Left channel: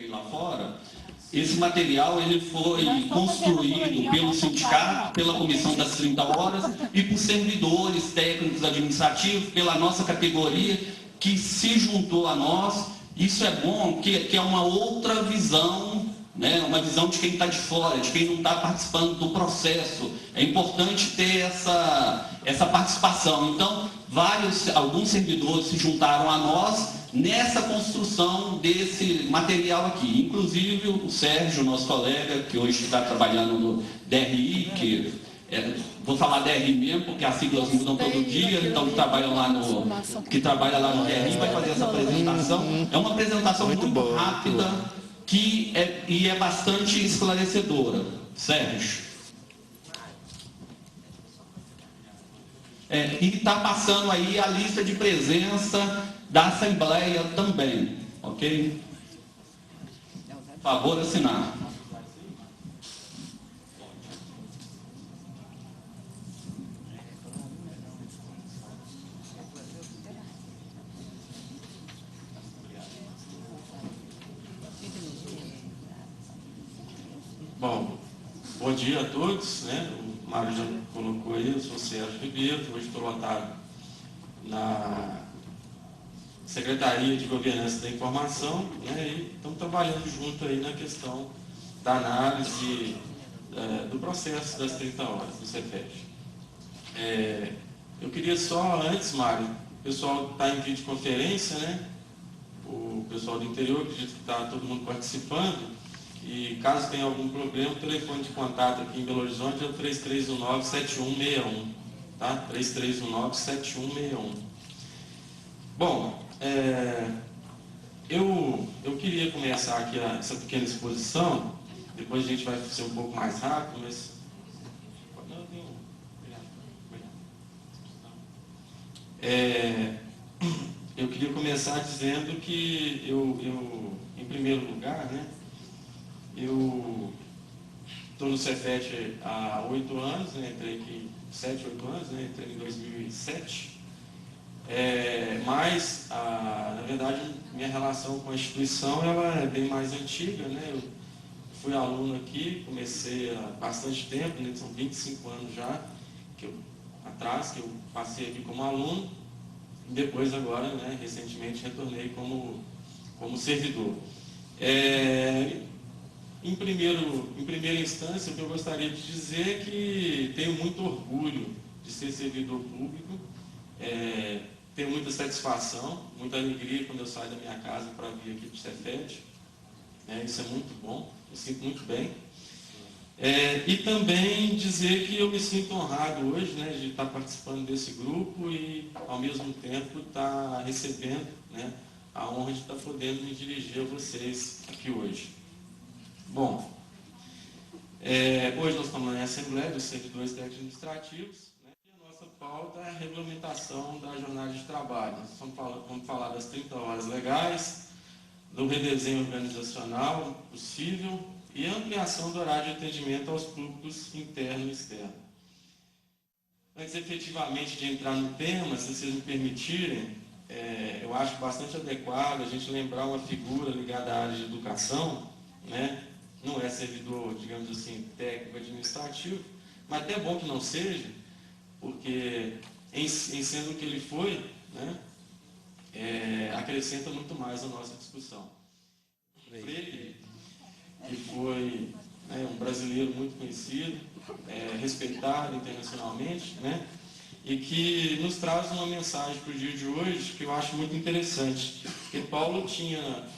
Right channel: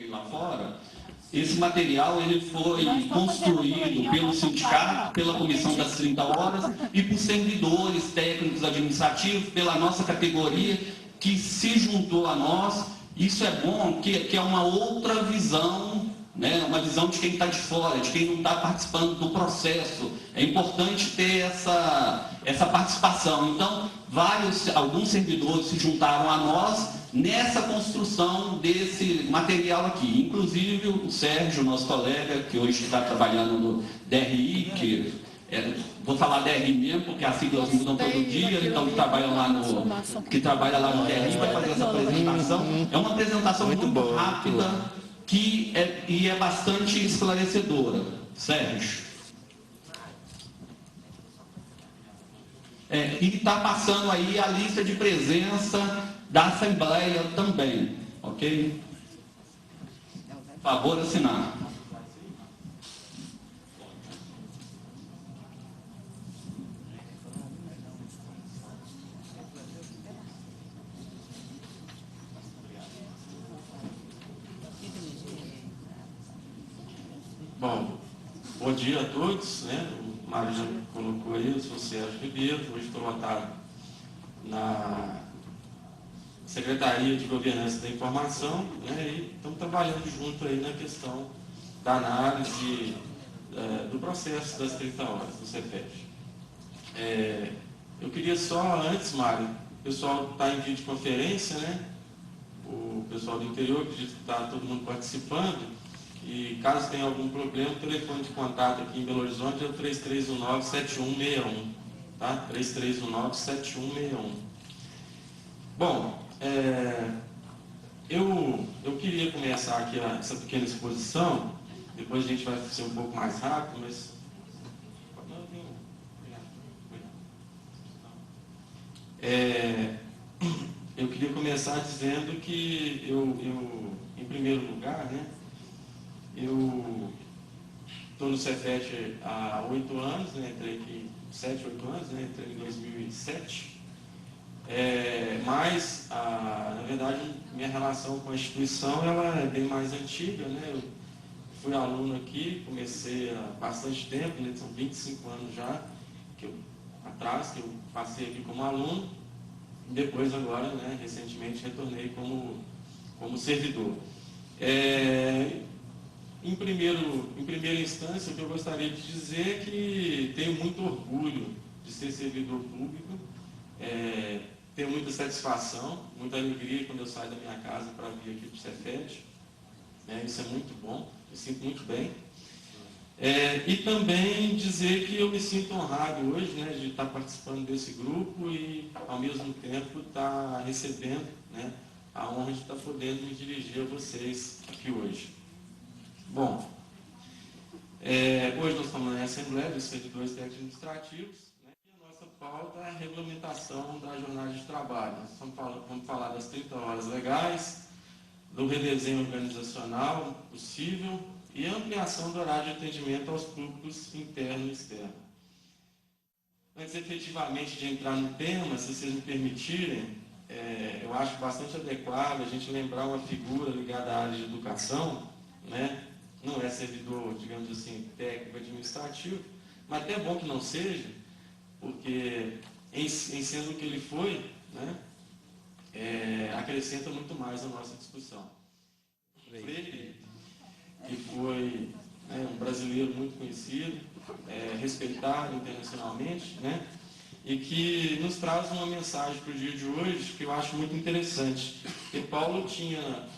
coloquei lá fora, esse material ele foi construído pelo sindicato, pela comissão das 30 horas e por servidores técnicos administrativos, pela nossa categoria, que se juntou a nós. Isso é bom, que é uma outra visão, né? Uma visão de quem está de fora, de quem não está participando do processo. É importante ter essa participação. Então, alguns servidores se juntaram a nós nessa construção desse material aqui. Inclusive o Sérgio, nosso colega, que hoje está trabalhando no DRI, vou falar DRI mesmo, porque as siglas mudam todo dia, então que trabalha lá no DRI vai fazer essa apresentação. É uma apresentação muito rápida e é bastante esclarecedora. Sérgio. E está passando aí a lista de presença da Assembleia também, ok? Favor assinar. Bom, bom dia a todos, né? O Mário já colocou aí, eu sou o Sérgio Ribeiro, hoje estou lotado na Secretaria de Governança da Informação, né? E estamos trabalhando junto aí na questão da análise do processo das 30 horas do Cefet. Eu queria só, antes, Mário, o pessoal está em videoconferência, né? O pessoal do interior, acredito que está todo mundo participando. E caso tenha algum problema, o telefone de contato aqui em Belo Horizonte é o 3319-7161, tá? 3319-7161. Bom, eu queria começar aqui essa pequena exposição, depois a gente vai ser um pouco mais rápido, mas... eu queria começar dizendo que em primeiro lugar, né? Eu estou no Cefet há 8 anos, né? Entrei aqui 7, 8 anos, né? Entrei em 2007. Mas, na verdade, minha relação com a instituição ela é bem mais antiga, né? Eu fui aluno aqui, comecei há bastante tempo, né? São 25 anos já atrás que eu passei aqui como aluno. E depois, agora, né? Recentemente, retornei como servidor. Em primeira instância, o que eu gostaria de dizer é que tenho muito orgulho de ser servidor público, tenho muita satisfação, muita alegria quando eu saio da minha casa para vir aqui para o Cefet. Isso é muito bom, me sinto muito bem. E também dizer que eu me sinto honrado hoje, né, de estar participando desse grupo e, ao mesmo tempo, estar recebendo, né, a honra de estar podendo me dirigir a vocês aqui hoje. Bom, hoje nós estamos na Assembleia dos Servidores Técnicos Administrativos, né, e a nossa pauta é a regulamentação da jornada de trabalho. Nós vamos falar das 30 horas legais, do redesenho organizacional possível e ampliação do horário de atendimento aos públicos interno e externo. Antes efetivamente de entrar no tema, se vocês me permitirem, eu acho bastante adequado a gente lembrar uma figura ligada à área de educação, né? Não é servidor, digamos assim, técnico administrativo, mas até é bom que não seja, porque em sendo o que ele foi, né, acrescenta muito mais a nossa discussão. Freire, que foi, né, um brasileiro muito conhecido, respeitado internacionalmente, né, e que nos traz uma mensagem para o dia de hoje que eu acho muito interessante. Porque Paulo tinha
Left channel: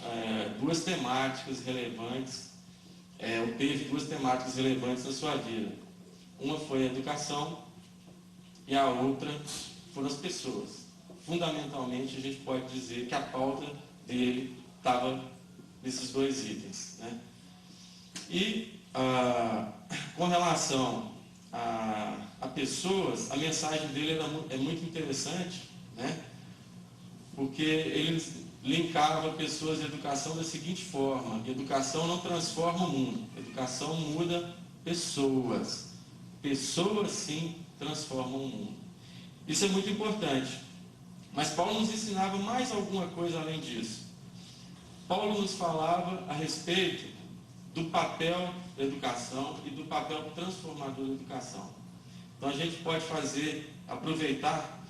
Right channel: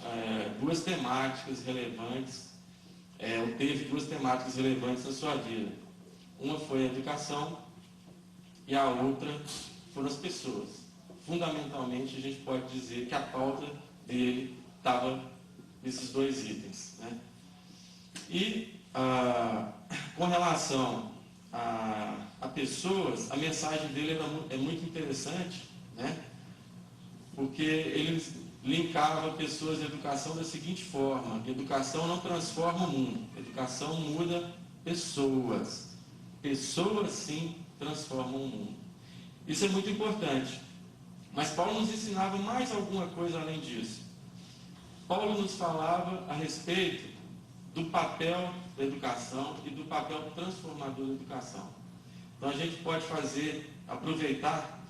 duas temáticas relevantes, ou teve duas temáticas relevantes na sua vida. Uma foi a educação e a outra foram as pessoas. Fundamentalmente, a gente pode dizer que a pauta dele estava nesses dois itens, né? E com relação a pessoas, a mensagem dele é muito interessante, né? Porque ele linkava pessoas e educação da seguinte forma: educação não transforma o mundo, educação muda pessoas. Pessoas, sim, transformam o mundo. Isso é muito importante. Mas Paulo nos ensinava mais alguma coisa além disso. Paulo nos falava a respeito do papel da educação e do papel transformador da educação. Então a gente pode aproveitar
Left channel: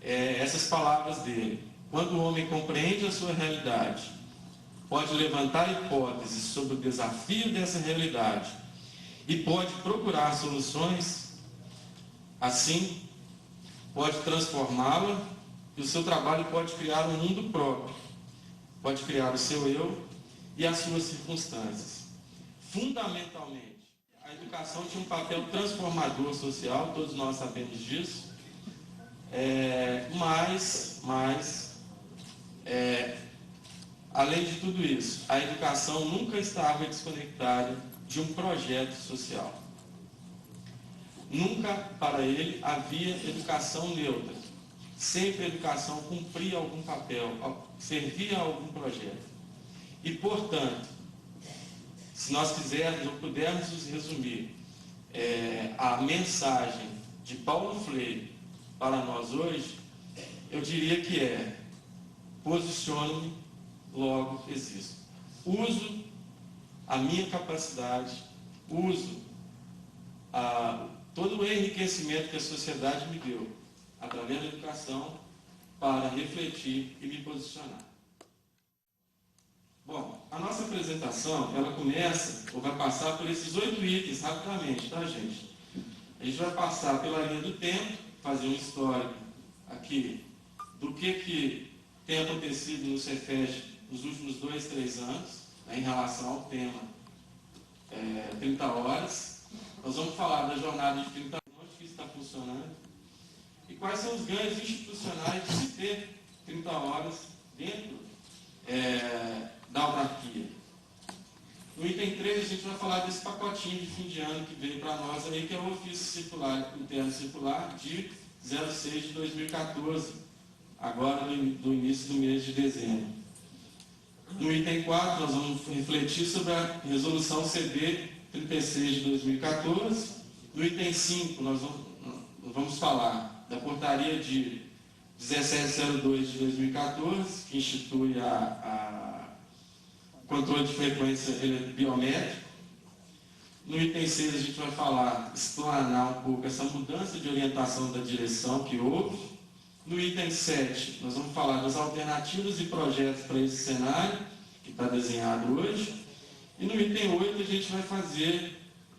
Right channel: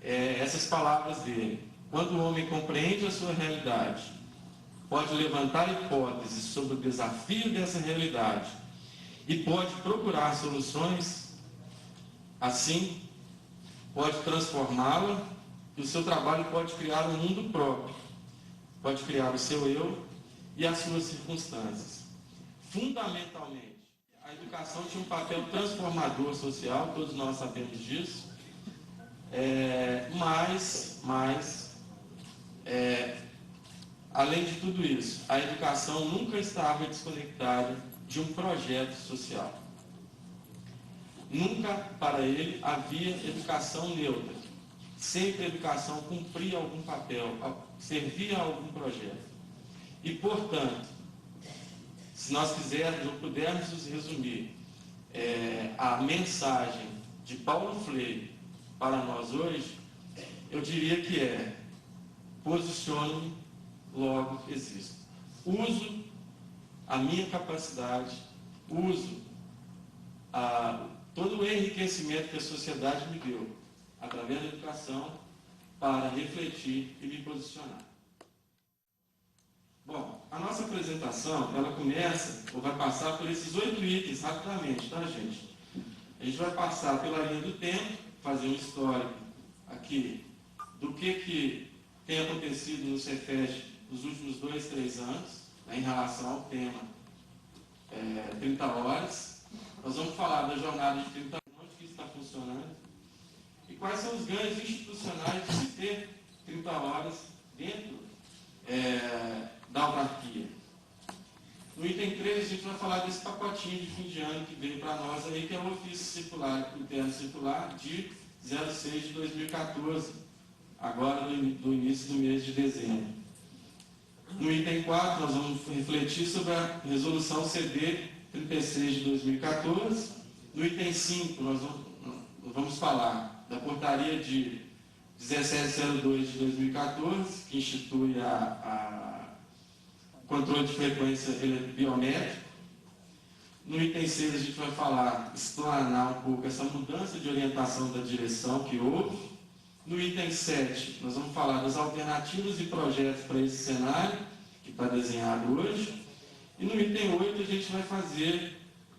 essas palavras dele. Quando o homem compreende a sua realidade, pode levantar hipóteses sobre o desafio dessa realidade e pode procurar soluções, assim pode transformá-la e o seu trabalho pode criar um mundo próprio, pode criar o seu eu e as suas circunstâncias. Fundamentalmente, a educação tinha um papel transformador social, todos nós sabemos disso, além de tudo isso, a educação nunca estava desconectada de um projeto social. Nunca, para ele, havia educação neutra. Sempre a educação cumpria algum papel, servia a algum projeto. E, portanto, se nós quisermos ou pudermos resumir a mensagem de Paulo Freire para nós hoje, eu diria que posiciono-me, logo existo. Uso a minha capacidade, uso todo o enriquecimento que a sociedade me deu, através da educação, para refletir e me posicionar. Bom, a nossa apresentação, ela começa, ou vai passar por esses 8 itens, rapidamente, tá, gente? A gente vai passar pela linha do tempo, fazer um histórico aqui do que tem acontecido no Cefet nos últimos 2, 3 anos, em relação ao tema 30 horas. Nós vamos falar da jornada de 30 horas, onde que isso está funcionando, e quais são os ganhos institucionais de se ter 30 horas dentro da autarquia. No item 3, a gente vai falar desse pacotinho de fim de ano que veio para nós aí, que é o ofício circular, interno circular, de 06 de 2014, agora no início do mês de dezembro. No item 4, nós vamos refletir sobre a resolução CD 36 de 2014. No item 5, nós vamos falar da portaria de 1702 de 2014, que institui o controle de frequência biométrico. No item 6, a gente vai explanar um pouco essa mudança de orientação da direção que houve. No item 7, nós vamos falar das alternativas e projetos para esse cenário, que está desenhado hoje. E no item 8, a gente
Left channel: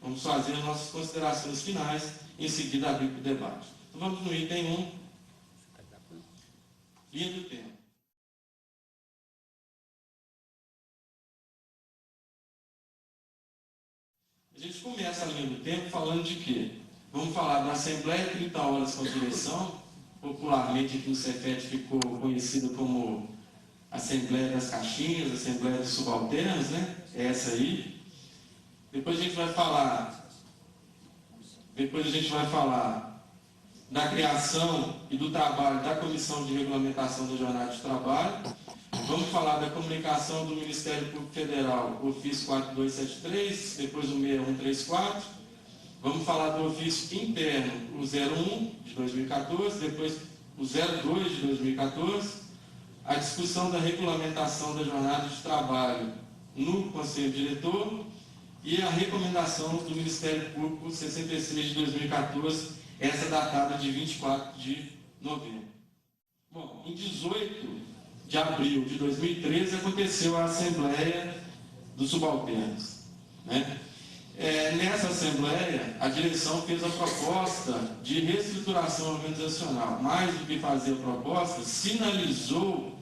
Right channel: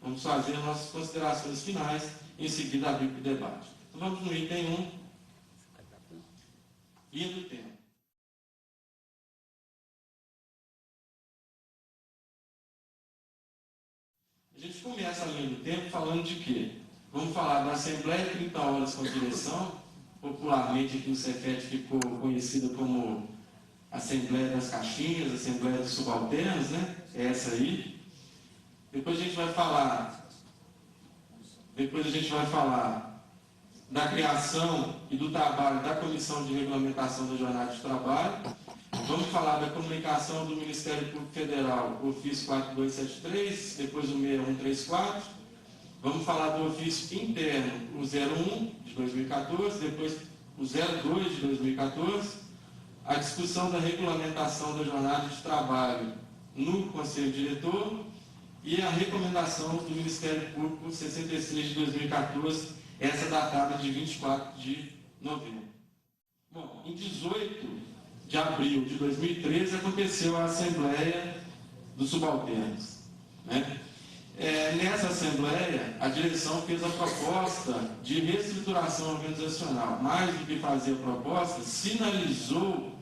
vamos fazer as nossas considerações finais, em seguida abrir para o debate. Então vamos no item 1, linha do tempo. A gente começa a linha do tempo falando de quê? Vamos falar da Assembleia 30 horas com direção, popularmente aqui no Cefet ficou conhecida como Assembleia das Caixinhas, Assembleia dos Subalternos, né? É essa aí. Depois a gente vai falar da criação e do trabalho da Comissão de Regulamentação da Jornada de Trabalho. Vamos falar da comunicação do Ministério Público Federal, o ofício 4273, depois o 6134. Vamos falar do ofício interno, o 01 de 2014, depois o 02 de 2014, a discussão da regulamentação da jornada de trabalho no Conselho Diretor e a recomendação do Ministério Público 66 de 2014, essa datada de 24 de novembro. Bom, em 18 de abril de 2013 aconteceu a Assembleia dos Subalternos, né? Nessa Assembleia, a direção fez a proposta de reestruturação organizacional. Mais do que fazer a proposta, sinalizou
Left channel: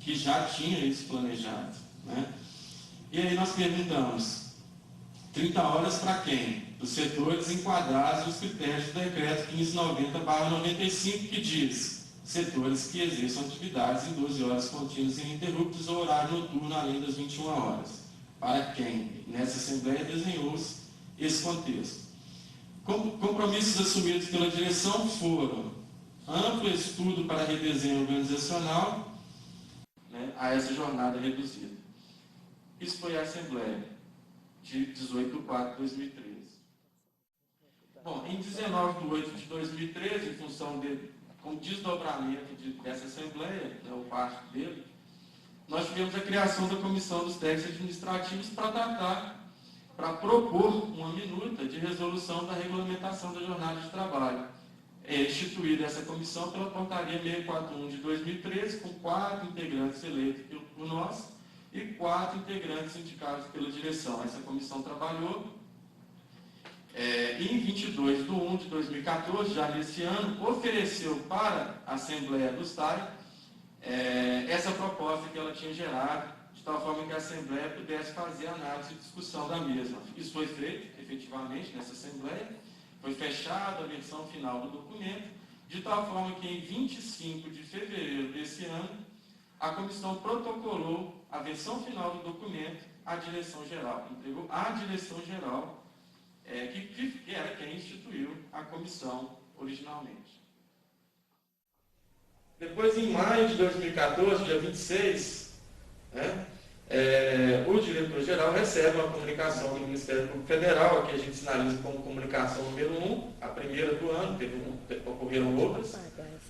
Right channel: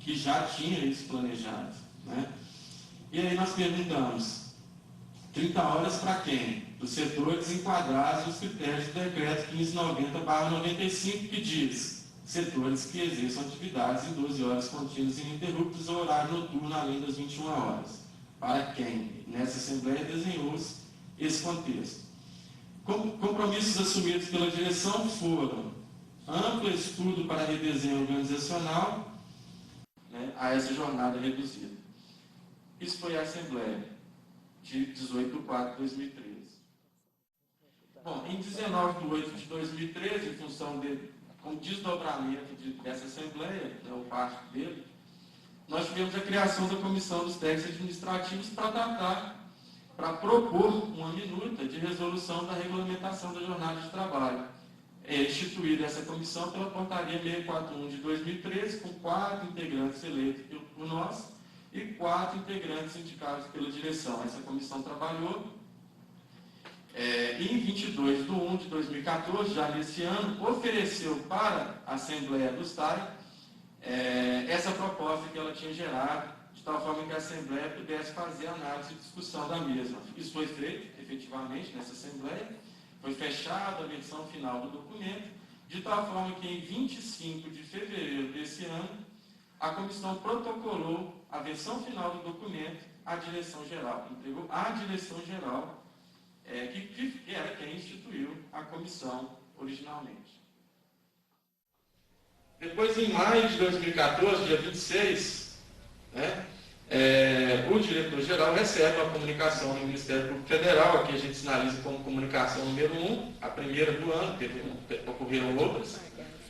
que já tinha isso planejado, né? E aí nós perguntamos, 30 horas para quem? Os setores enquadrados nos critérios do decreto 1590/95, que diz setores que exerçam atividades em 12 horas contínuas e ininterruptas ou horário noturno além das 21 horas. Para quem? Nessa Assembleia desenhou-se esse contexto. Compromissos assumidos pela direção foram amplo estudo para redesenho organizacional, né, a essa jornada reduzida. Isso foi a Assembleia de 18 de 4 de 2013. Bom, em 19 de 8 de 2013, em função com desdobramento dessa Assembleia, né, o parte dele, nós tivemos a criação da Comissão dos Técnicos Administrativos para propor uma minuta de resolução da regulamentação da jornada de trabalho. É instituída essa comissão pela Portaria 641 de 2013, com 4 integrantes eleitos por nós e 4 integrantes indicados pela direção. Essa comissão trabalhou em 22 de 1 de 2014, já nesse ano, ofereceu para a Assembleia do STAI essa proposta que ela tinha gerado, de tal forma que a Assembleia pudesse fazer análise e discussão da mesma. Isso foi feito, efetivamente, nessa Assembleia, foi fechada a versão final do documento, de tal forma que em 25 de fevereiro desse ano, a comissão protocolou a versão final do documento à direção-geral, entregou à direção-geral, que era quem instituiu a comissão originalmente. Depois, em maio de 2014, dia 26, o diretor-geral recebe uma comunicação do Ministério Público Federal, aqui a gente sinaliza como comunicação número 1, a primeira do ano, ocorreram outras,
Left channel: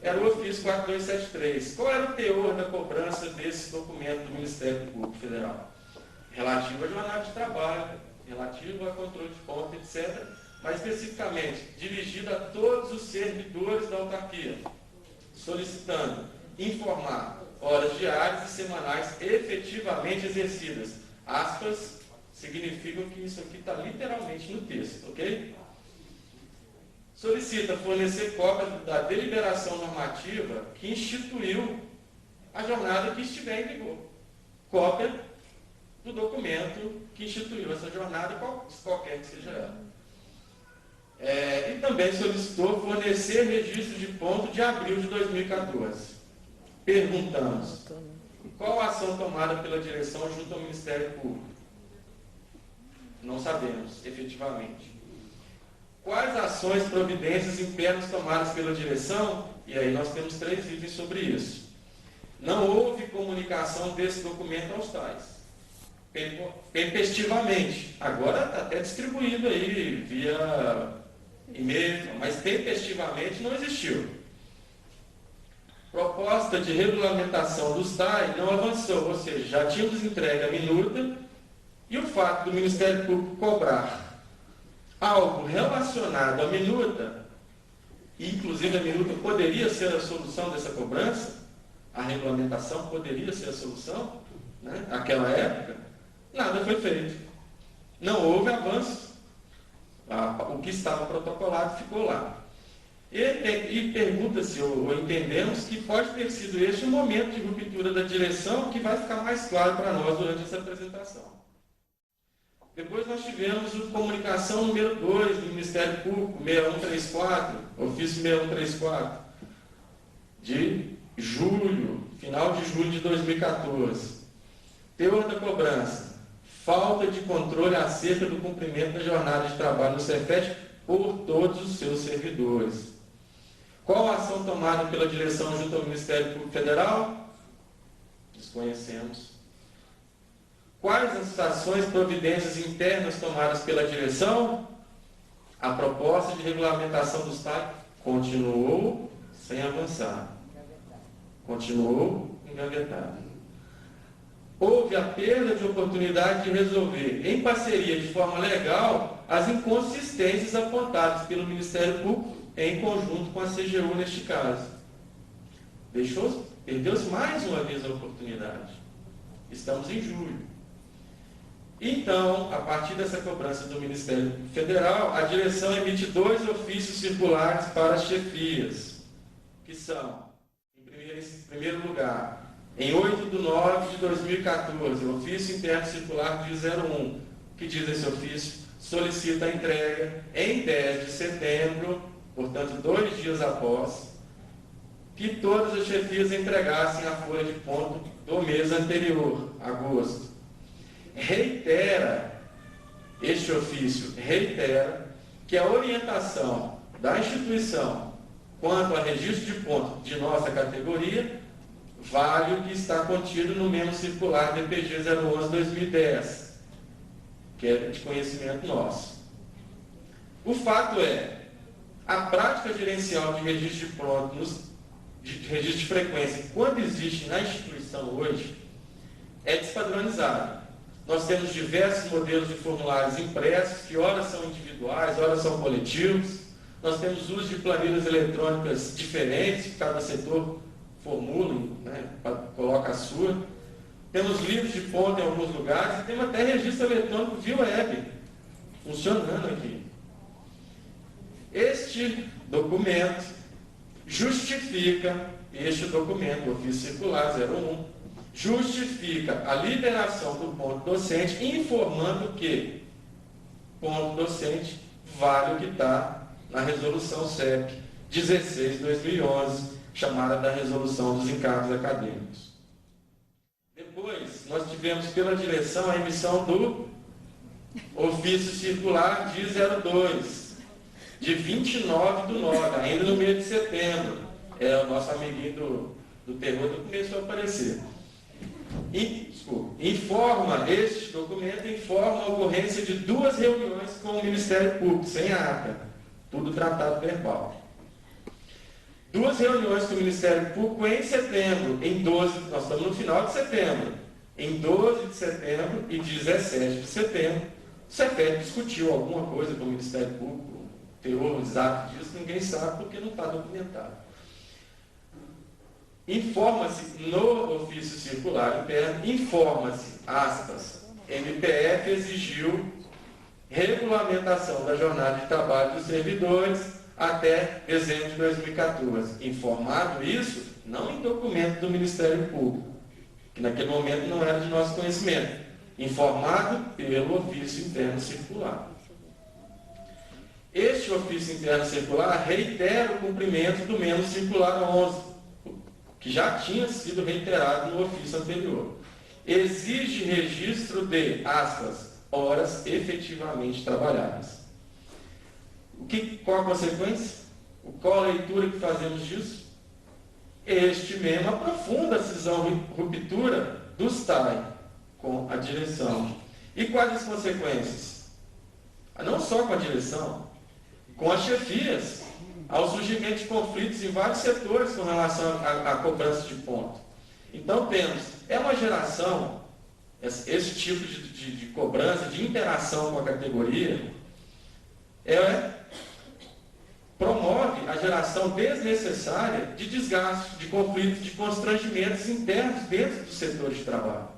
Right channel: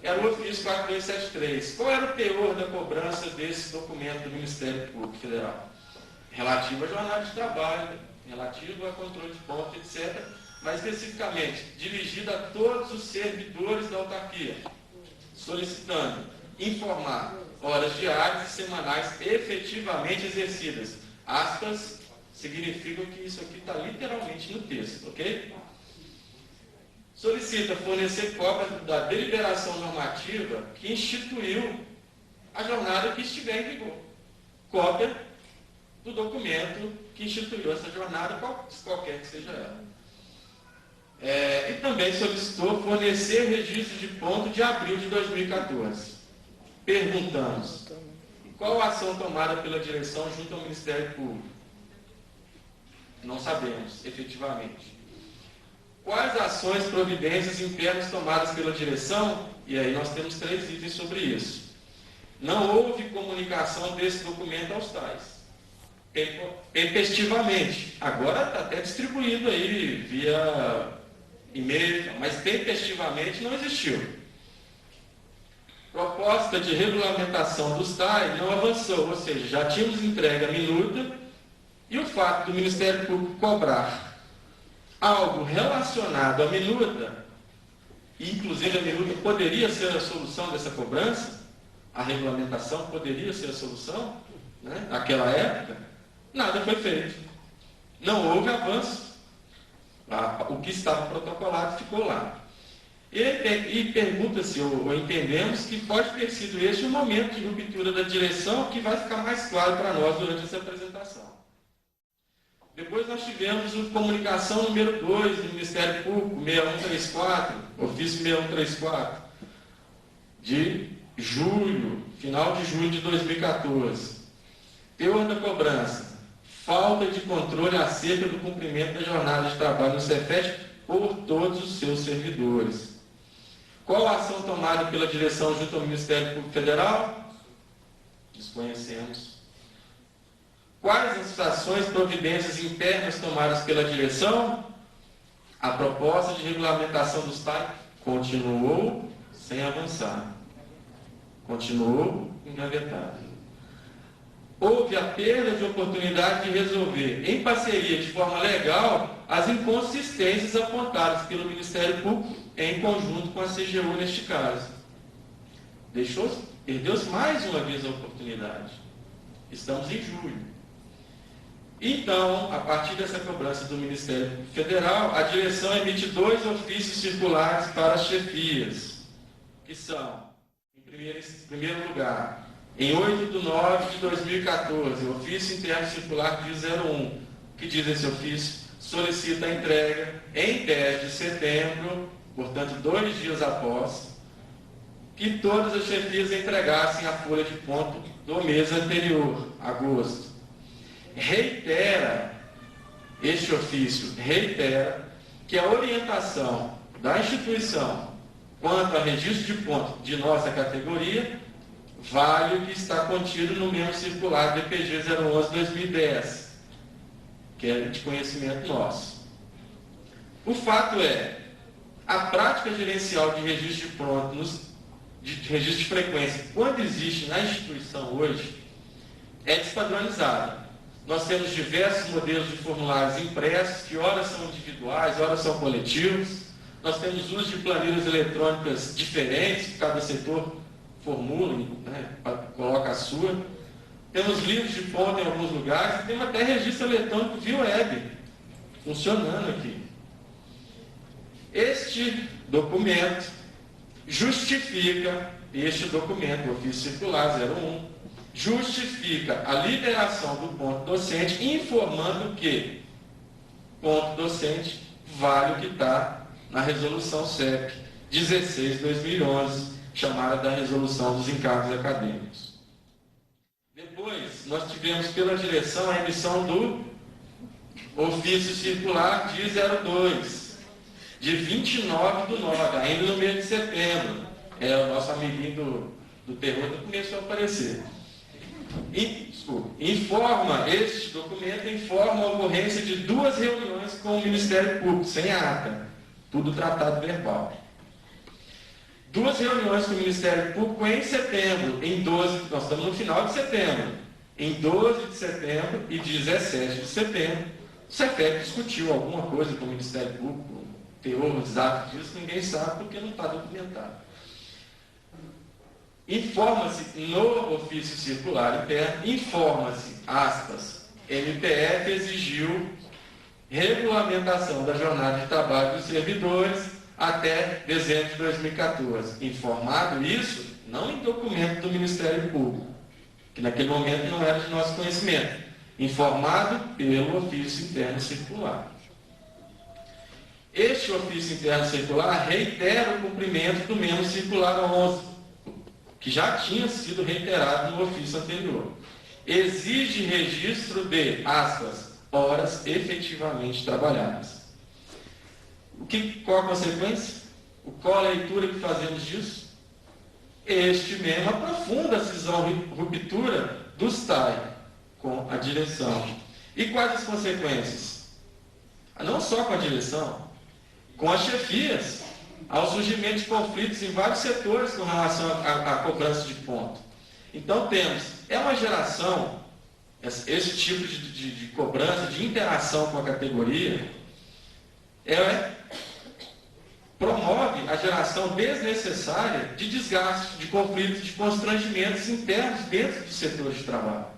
era o ofício 4273. Qual era o teor da cobrança desse documento do Ministério Público Federal? Relativo à jornada de trabalho, relativo a controle de ponto, etc., mas especificamente dirigido a todos os servidores da autarquia, solicitando informar horas diárias e semanais efetivamente exercidas. Aspas significam que isso aqui está literalmente no texto, ok? Solicita fornecer cópia da deliberação normativa que instituiu a jornada que estiver em vigor. Cópia do documento que instituiu essa jornada, qualquer que seja ela. E também solicitou fornecer registro de ponto de abril de 2014. Perguntamos, qual a ação tomada pela direção junto ao Ministério Público? Não sabemos, efetivamente. Quais ações, providências internas tomadas pela direção? E aí nós temos 3 itens sobre isso. Não houve comunicação desse documento aos tais. Tempestivamente. Agora está até distribuído aí via e-mail, mas tempestivamente não existiu. Proposta de regulamentação dos tais não avançou, ou seja, já tínhamos entregue a minuta e o fato do Ministério Público cobrar algo relacionado à minuta, inclusive a minuta poderia ser a solução dessa cobrança, a regulamentação poderia ser a solução, naquela época, nada foi feito. Não houve avanço. O que estava protocolado ficou lá. E pergunta-se, ou entendemos, que pode ter sido este o momento de ruptura da direção, que vai ficar mais claro para nós durante essa apresentação. Depois nós tivemos a comunicação número 2 do Ministério Público, 6134, ofício 6134, de julho, final de julho de 2014. Teor da cobrança: falta de controle acerca do cumprimento da jornada de trabalho no Cefet por todos os seus servidores. Qual a ação tomada pela direção junto ao Ministério Público Federal? Desconhecemos. Quais as ações, providências internas tomadas pela direção? A proposta de regulamentação dos tais continuou sem avançar. Continuou engavetada. Houve a perda de oportunidade de resolver, em parceria de forma legal, as inconsistências apontadas pelo Ministério Público em conjunto com a CGU neste caso. Perdeu-se mais uma vez a oportunidade. Estamos em julho. Então, a partir dessa cobrança do Ministério Federal, a direção emite 2 ofícios circulares para as chefias, que são, em primeiro lugar, em 8 de 9 de 2014, ofício interno circular de 01, que diz esse ofício, solicita a entrega em 10 de setembro, portanto 2 dias após, que todas as chefias entregassem a folha de ponto do mês anterior, agosto. Este ofício reitera que a orientação da instituição quanto a registro de ponto de nossa categoria vale o que está contido no mesmo circular do EPG 011-2010, que é de conhecimento nosso. O fato é, a prática gerencial de registro de registro de frequência, quando existe na instituição hoje, é despadronizado. Nós temos diversos modelos de formulários impressos, que ora são individuais, ora são coletivos. Nós temos uso de planilhas eletrônicas diferentes, que cada setor formula, né, coloca a sua. Temos livros de ponta em alguns lugares e temos até registro eletrônico via web, funcionando aqui. Este documento justifica, o ofício circular 01, justifica a liberação do ponto docente, informando que ponto docente vale o que está na resolução CEP 16/2011, chamada da resolução dos encargos acadêmicos. Depois, nós tivemos pela direção a emissão do ofício circular de 02, de 29/9, ainda no mês de setembro. O nosso amiguinho do terror começou a aparecer. Este documento informa a ocorrência de 2 reuniões com o Ministério Público, sem ata, tudo tratado verbal. 2 reuniões com o Ministério Público em setembro, nós estamos no final de setembro, em 12 de setembro e 17 de setembro, o CEPEP discutiu alguma coisa com o Ministério Público, teor exato disso, ninguém sabe porque não está documentado. Informa-se no ofício circular interno, informa-se, aspas, MPF exigiu regulamentação da jornada de trabalho dos servidores até dezembro de 2014. Informado isso, não em documento do Ministério Público, que naquele momento não era de nosso conhecimento, informado pelo ofício interno circular. Este ofício interno circular reitera o cumprimento do menos circular 11, que já tinha sido reiterado no ofício anterior. Exige registro de, aspas, horas efetivamente trabalhadas. Qual a consequência? Qual a leitura que fazemos disso? Este mesmo aprofunda a cisão ruptura do STAI com a direção. E quais as consequências? Não só com a direção, com as chefias, ao surgimento de conflitos em vários setores com relação à cobrança de ponto. Então temos, uma geração, esse tipo de cobrança, de interação com a categoria, promove a geração desnecessária de desgaste, de conflitos, de constrangimentos internos dentro do setor de trabalho.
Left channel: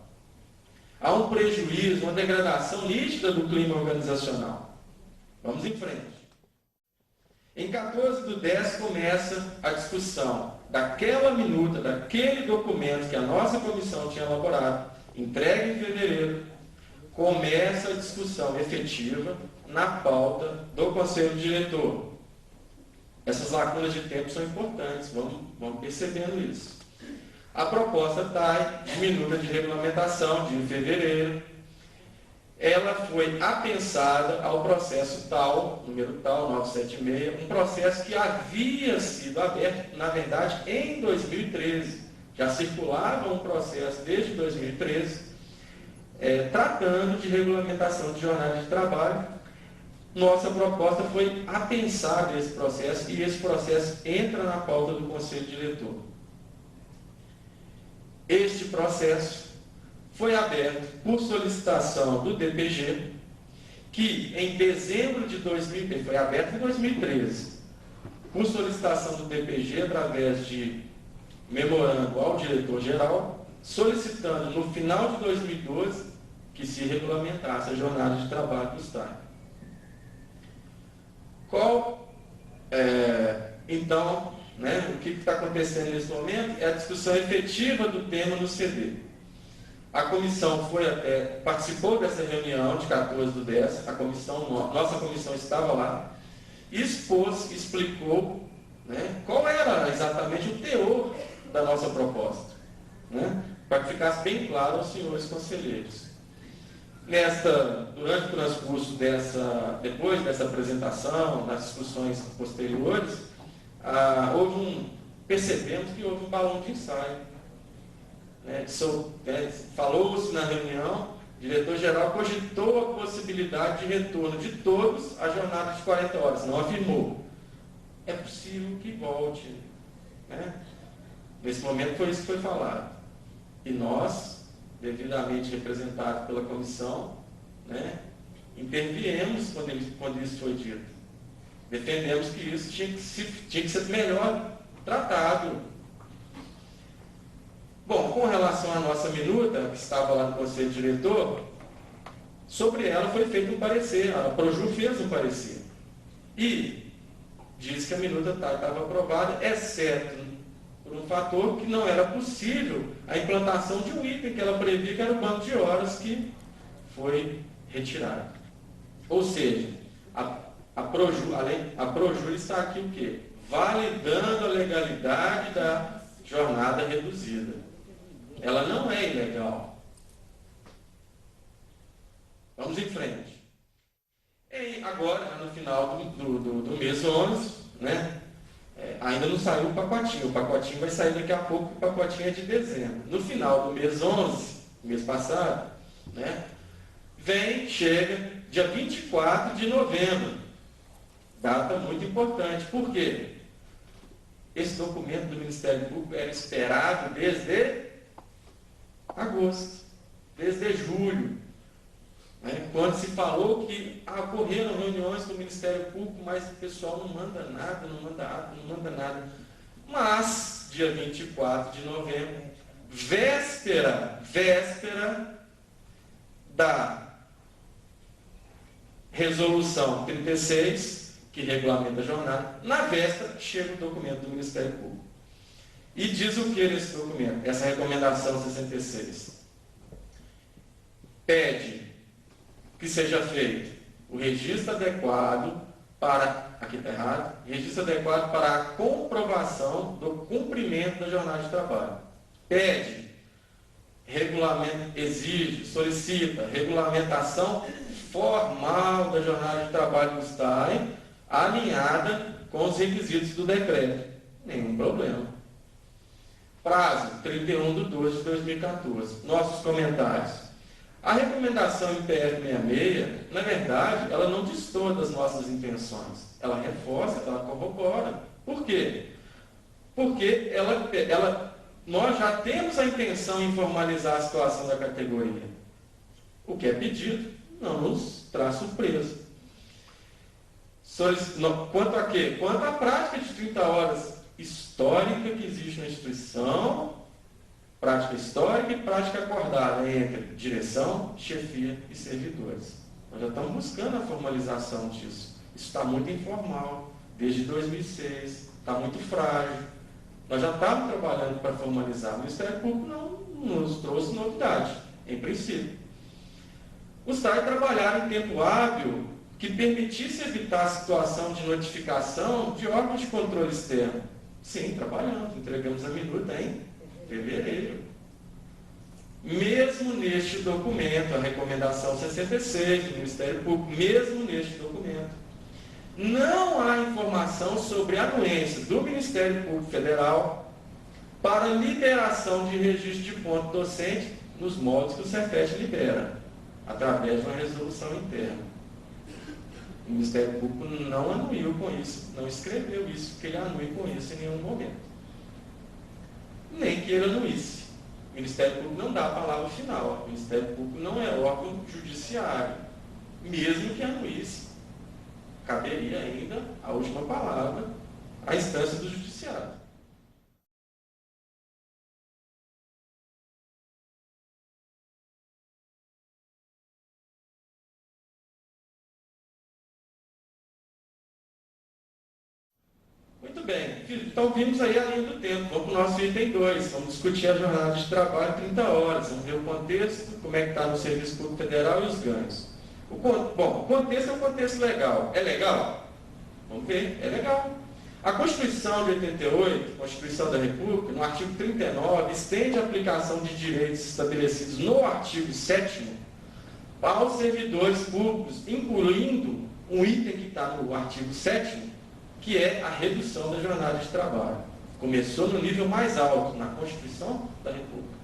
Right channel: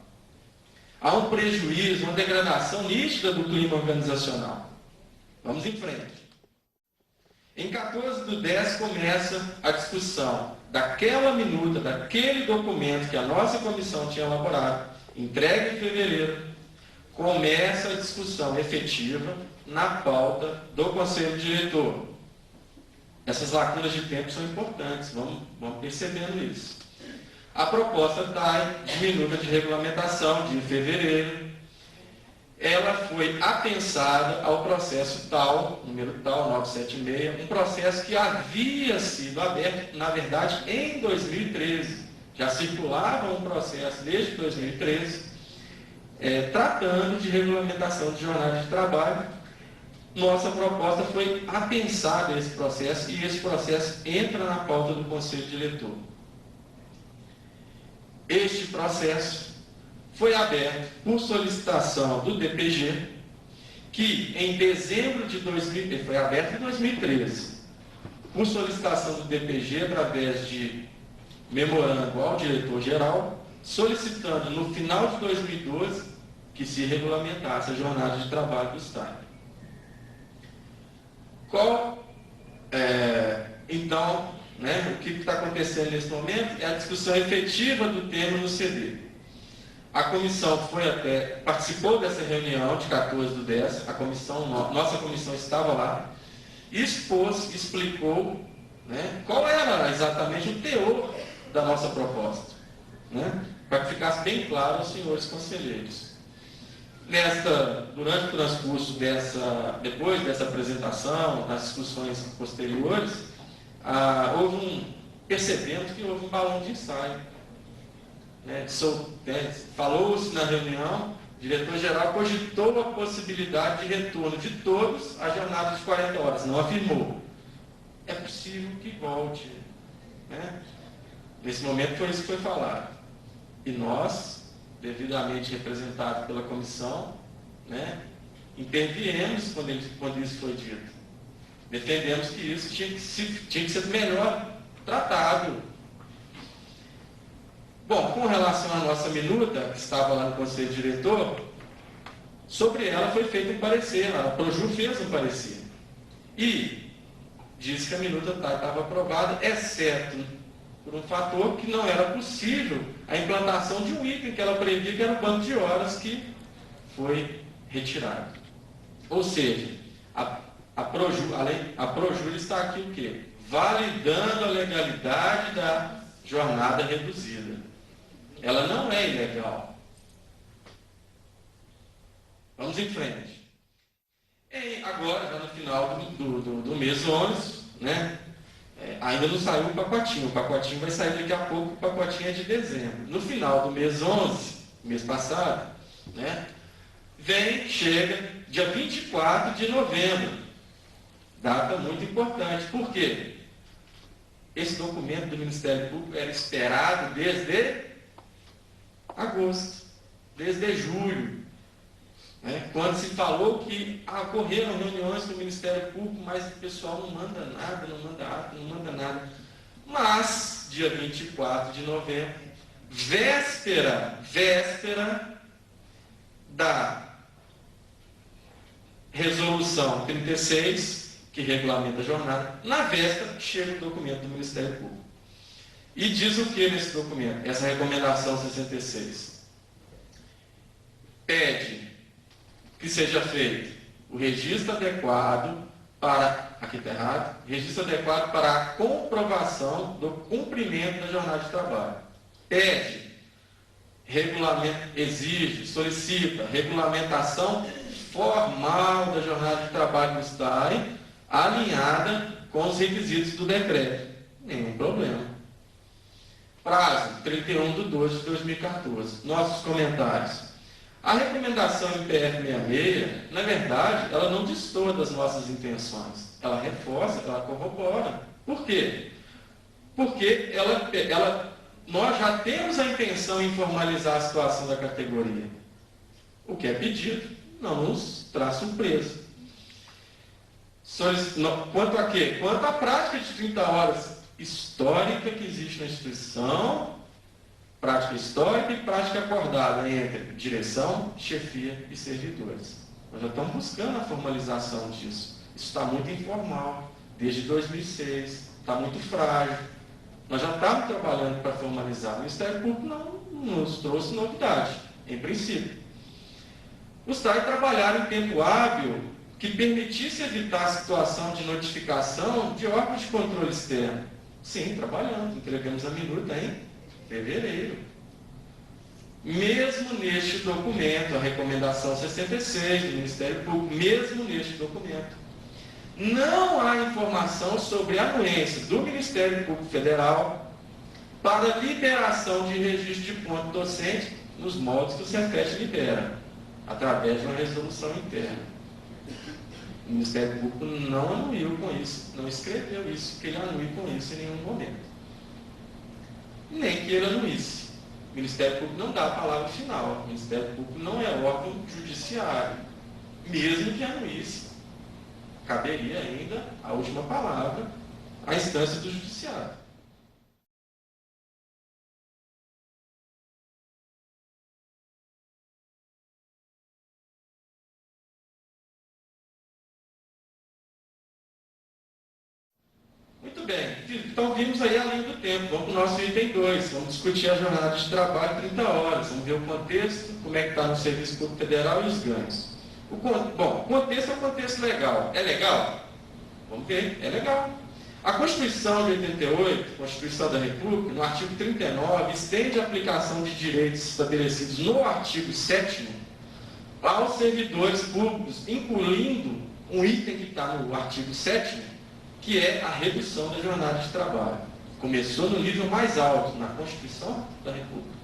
Há um prejuízo, uma degradação nítida do clima organizacional. Vamos em frente. Em 14/10 começa a discussão daquela minuta, daquele documento que a nossa comissão tinha elaborado, entregue em fevereiro, começa a discussão efetiva na pauta do Conselho Diretor. Essas lacunas de tempo são importantes, vamos percebendo isso. A proposta TAI, de minuta de regulamentação, de fevereiro, ela foi apensada ao processo tal, número tal, 976, um processo que havia sido aberto, na verdade, em 2013. Já circulava um processo desde 2013, tratando de regulamentação de jornada de trabalho. Nossa proposta foi apensar esse processo e esse processo entra na pauta do Conselho Diretor. Este processo foi aberto por solicitação do DPG, que em dezembro de 2013, foi aberto em 2013, por solicitação do DPG, através de memorando ao diretor-geral, solicitando no final de 2012 que se regulamentasse a jornada de trabalho do Estado. Então, o que está acontecendo nesse momento é a discussão efetiva do tema no CD. A comissão participou dessa reunião de 14/10, nossa comissão estava lá, explicou qual era exatamente o teor da nossa proposta, para que ficasse bem claro aos senhores conselheiros. Durante o transcurso depois dessa apresentação, nas discussões posteriores, percebemos que houve um balão de ensaio. Falou-se na reunião, o diretor-geral cogitou a possibilidade de retorno de todos à jornada de 40 horas, não afirmou. É possível que volte. Nesse momento foi isso que foi falado. E nós devidamente representado pela comissão, né, interviemos quando isso foi dito. Defendemos que isso tinha que ser melhor tratado. Bom, com relação à nossa minuta, que estava lá no Conselho Diretor, sobre ela foi feito um parecer, a Proju fez um parecer. E disse que a minuta estava aprovada, exceto por um fator que não era possível a implantação de um item que ela previa, que era o banco de horas, que foi retirado. Ou seja, a Proju está aqui o quê? Validando a legalidade da jornada reduzida. Ela não é ilegal. Vamos em frente. Agora, já no final do mês 11, né, ainda não saiu o pacotinho vai sair daqui a pouco, o pacotinho é de dezembro. No final do mês 11, mês passado, né, chega dia 24 de novembro, data muito importante. Por quê? Esse documento do Ministério Público era esperado desde agosto, desde julho, né, quando se falou que ocorreram reuniões com o Ministério Público, mas o pessoal não manda nada, não manda ato, não manda nada. Mas, dia 24 de novembro, véspera da resolução 36, que regulamenta a jornada, na véspera chega o documento do Ministério Público. E diz o que nesse documento? Essa recomendação 66. Pede que seja feito o registro adequado para, aqui está errado, registro adequado para a comprovação do cumprimento da jornada de trabalho. Pede, solicita regulamentação formal da jornada de trabalho do STAI, alinhada com os requisitos do decreto. Nenhum problema. Prazo, 31/12/2014. Nossos comentários. A recomendação MPF 66, na verdade, ela não destoa das nossas intenções. Ela reforça, ela corrobora. Por quê? Porque nós já temos a intenção em formalizar a situação da categoria. O que é pedido não nos traz surpresa. Quanto a quê? Quanto à prática de 30 horas histórica que existe na instituição, prática histórica e prática acordada entre direção, chefia e servidores. Nós já estamos buscando a formalização disso. Isso está muito informal, desde 2006, está muito frágil. Nós já estávamos trabalhando para formalizar. O Ministério Público não nos trouxe novidade, em princípio. Gostaria de trabalhar em tempo hábil que permitisse evitar a situação de notificação de órgãos de controle externo. Sim, trabalhamos, entregamos a minuta em fevereiro. Mesmo neste documento, a recomendação 66 do Ministério Público, mesmo neste documento, não há informação sobre anuências do Ministério Público Federal para liberação de registro de ponto docente nos moldes que o Cefet libera, através de uma resolução interna. O Ministério Público não anuiu com isso, não escreveu isso, que ele anue com isso em nenhum momento. Nem que ele anuísse. O Ministério Público não dá a palavra final. O Ministério Público não é órgão judiciário. Mesmo que anuísse, caberia ainda a última palavra à instância do judiciário. Muito bem, então vimos aí além do tempo. Vamos para o nosso item 2, vamos discutir a jornada de trabalho 30 horas, vamos ver o contexto, como é que está no Serviço Público Federal e os ganhos. O contexto é um contexto legal. É legal? Vamos ver, é legal. A Constituição de 88, Constituição da República, no artigo 39, estende a aplicação de direitos estabelecidos no artigo 7º aos servidores públicos, incluindo um item que está no artigo 7º, que é a redução da jornada de trabalho. Começou no nível mais alto, na Constituição da República.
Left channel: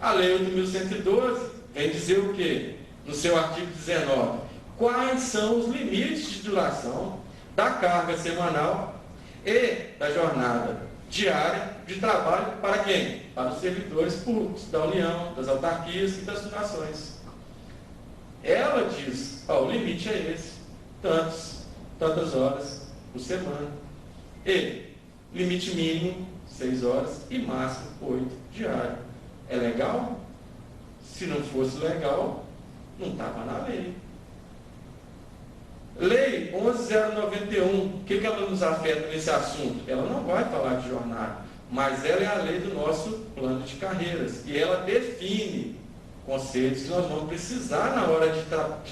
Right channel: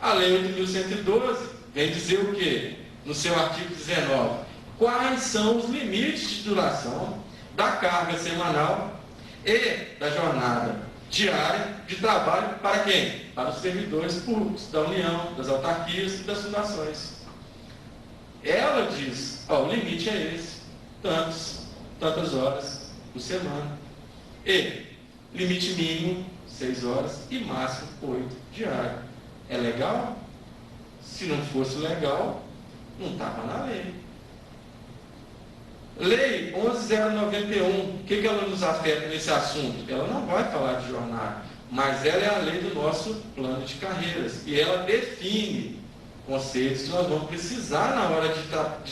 A Lei 8.112 vem dizer o quê? No seu artigo 19, quais são os limites de duração da carga semanal e da jornada diária de trabalho para quem? Para os servidores públicos da União, das autarquias e das fundações. Ela diz, ó, o limite é esse, tantas horas por semana. E limite mínimo 6 horas e máximo 8 diário. É legal? Se não fosse legal, não estava na lei. Lei 11.091, o que ela nos afeta nesse assunto? Ela não vai falar de jornada, mas ela é a lei do nosso plano de carreiras. E ela define conceitos que nós vamos precisar na hora de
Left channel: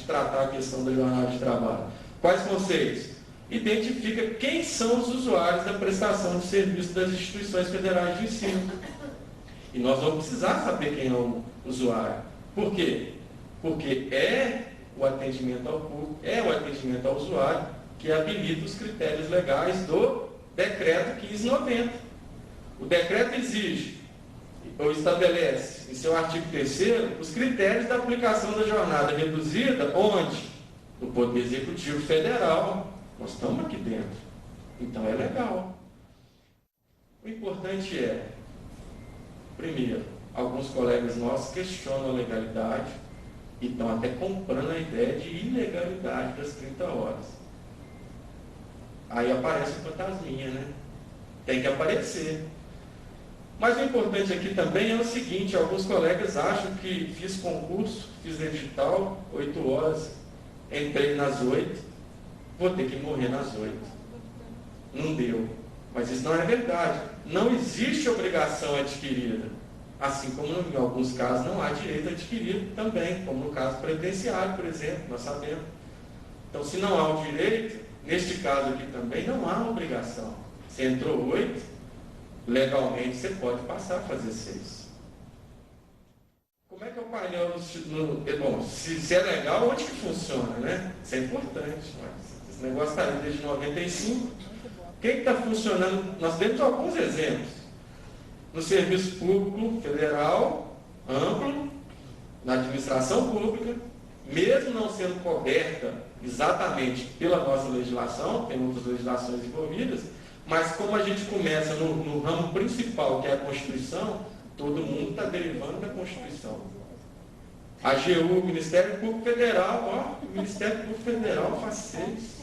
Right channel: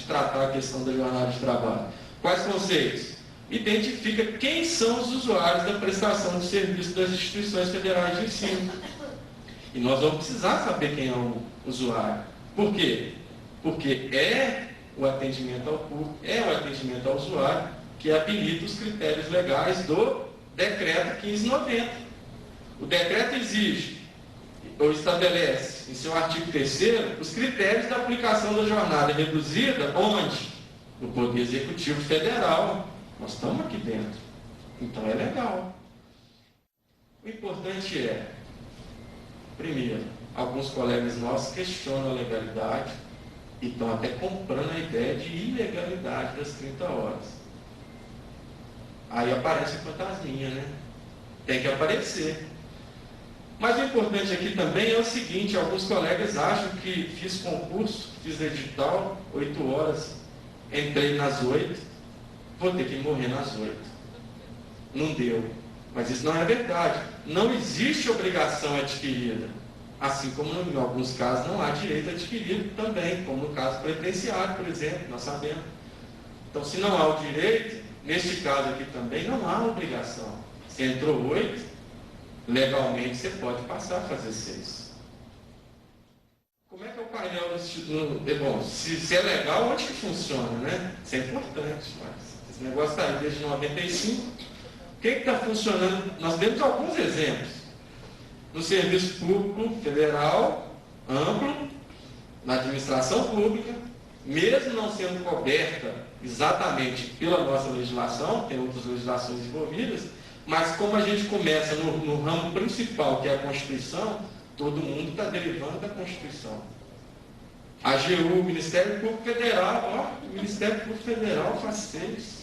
tratar a questão da jornada de trabalho. Quais conceitos? Identifica quem são os usuários da prestação de serviço das instituições federais de ensino. E nós vamos precisar saber quem é o usuário. Por quê? Porque é o atendimento ao público, é o atendimento ao usuário que habilita os critérios legais do Decreto 1590. O decreto exige, ou estabelece, em seu artigo 3º, os critérios da aplicação da jornada reduzida, onde? No Poder Executivo Federal. Nós estamos aqui dentro. Então é legal. O importante é, primeiro, alguns colegas nossos questionam a legalidade e estão até comprando a ideia de ilegalidade das 30 horas. Aí aparece a fantasminha, né? Tem que aparecer. Mas o importante aqui também é o seguinte, alguns colegas acham que fiz concurso, fiz edital, 8 horas, entrei nas 8, vou ter que morrer nas 8. Não deu. Mas isso não é verdade. Não existe obrigação adquirida. Assim como em alguns casos não há direito adquirido também, como no caso previdenciário, por exemplo, nós sabemos. Então, se não há o direito, neste caso aqui também não há obrigação. Se entrou 8, legalmente você pode passar a fazer 6. Como é que é o painel bom, se é legal, onde que funciona, né? Isso é importante, mas esse negócio está aí desde 95. O que está funcionando? Nós temos alguns exemplos. No serviço público federal, amplo, na administração pública, mesmo não sendo coberta exatamente pela nossa legislação, tem outras legislações envolvidas, mas como a gente começa no ramo principal, que é a Constituição, todo mundo está derivando da Constituição. A AGU, o Ministério Público Federal, o Ministério Público Federal faz 6.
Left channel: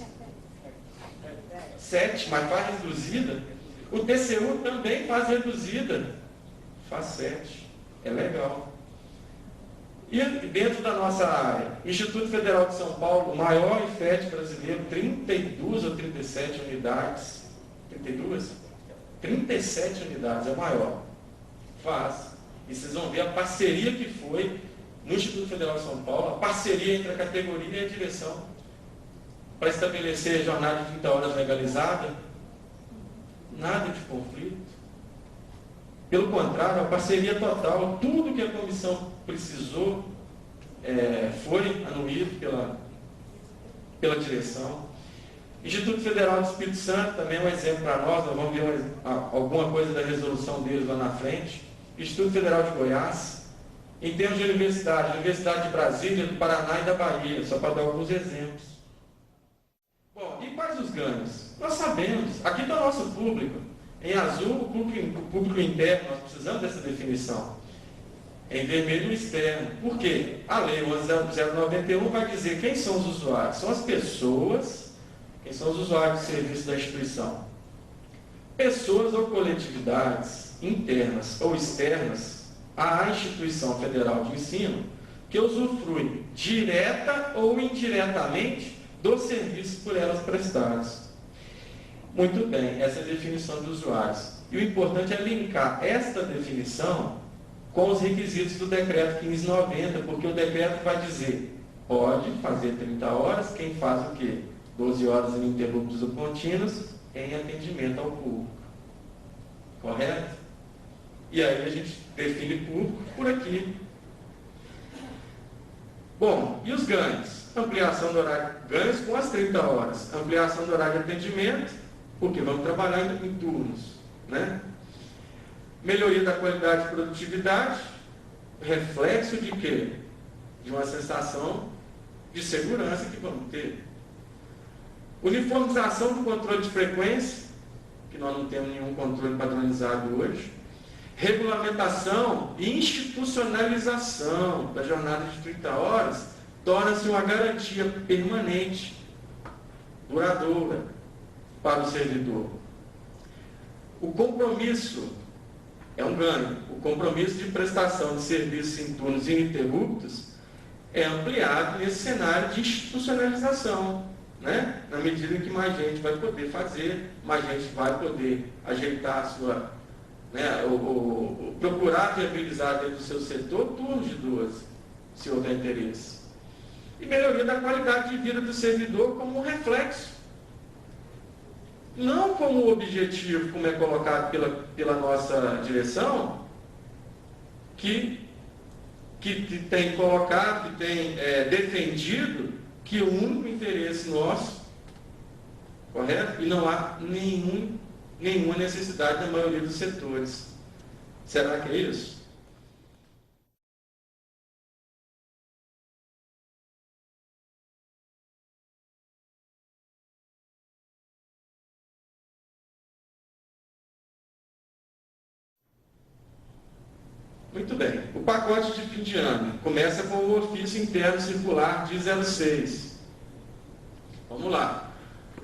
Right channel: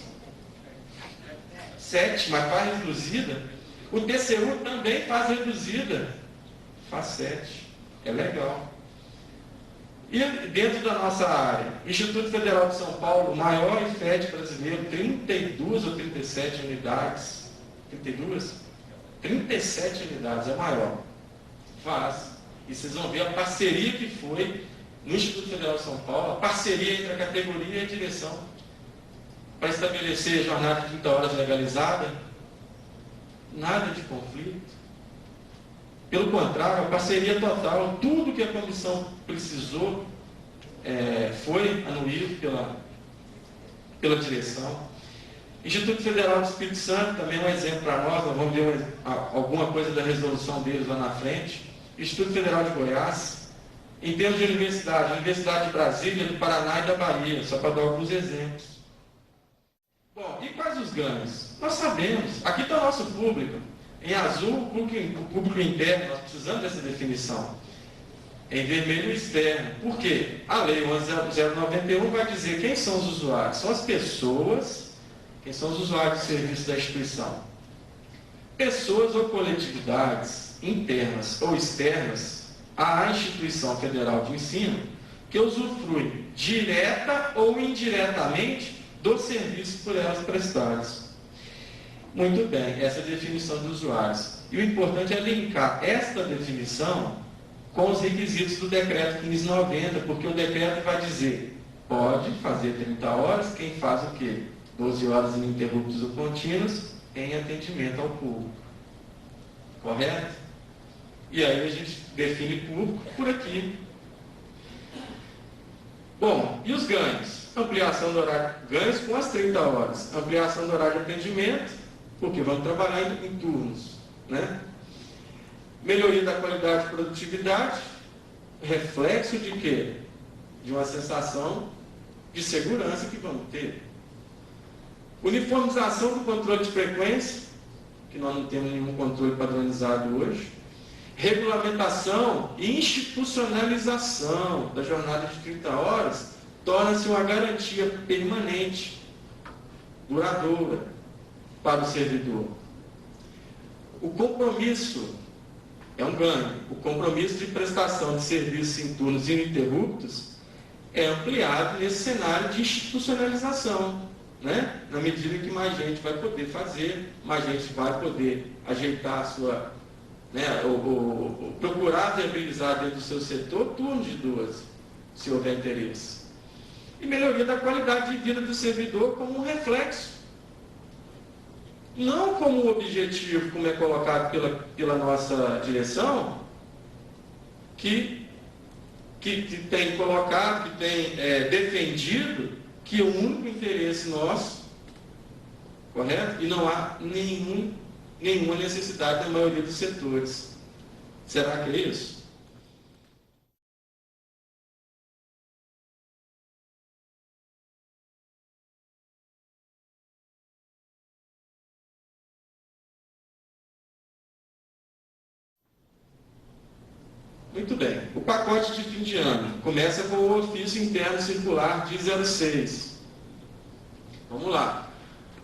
7, mas faz reduzida. O TCU também faz reduzida, faz 7. É legal. E dentro da nossa área, Instituto Federal de São Paulo, o maior IFET brasileiro, 32 ou 37 unidades. 32? 37 unidades, é maior. Faz. E vocês vão ver a parceria que foi no Instituto Federal de São Paulo, a parceria entre a categoria e a direção, para estabelecer a jornada de 30 horas legalizada. Nada de conflito. Pelo contrário, a parceria total, tudo que a comissão precisou foi anuído pela direção. Instituto Federal do Espírito Santo também é um exemplo para nós vamos ver alguma coisa da resolução deles lá na frente. Instituto Federal de Goiás. Em termos de universidade, a Universidade de Brasília, do Paraná e da Bahia, só para dar alguns exemplos. Bom, e quais os ganhos? Nós sabemos, aqui está o nosso público. Em azul, o público interno, nós precisamos dessa definição. Em vermelho, o externo. Por quê? A Lei 11.091 vai dizer quem são os usuários. São as pessoas, quem são os usuários de serviço da instituição. Pessoas ou coletividades internas ou externas à instituição federal de ensino que usufruem direta ou indiretamente dos serviços por elas prestados. Muito bem, essa é a definição dos usuários. E o importante é linkar esta definição com os requisitos do decreto 1590, porque o decreto vai dizer, pode fazer 30 horas, quem faz o quê? 12 horas ininterruptas ou contínuas em atendimento ao público. Correto? E aí a gente define público por aqui. Bom, e os ganhos? Ampliação do horário, ganhos com as 30 horas. Ampliação do horário de atendimento, porque vamos trabalhar em turnos, né? Melhoria da qualidade de produtividade, reflexo de quê? De uma sensação de segurança que vamos ter. Uniformização do controle de frequência, que nós não temos nenhum controle padronizado hoje. Regulamentação e institucionalização da jornada de 30 horas torna-se uma garantia permanente, duradoura, para o servidor. O compromisso é um ganho. O compromisso de prestação de serviços em turnos ininterruptos é ampliado nesse cenário de institucionalização, né? Na medida que mais gente vai poder fazer, mais gente vai poder ajeitar a sua, né, procurar viabilizar dentro do seu setor turnos de 12, se houver interesse. E melhoria da qualidade de vida do servidor como um reflexo, não como objetivo, como é colocado pela nossa direção, que tem colocado, que tem defendido que o único interesse nosso, correto? E não há nenhuma necessidade na maioria dos setores. Será que é isso? Muito bem. O pacote de fim de ano começa com o ofício interno circular de 06. Vamos lá.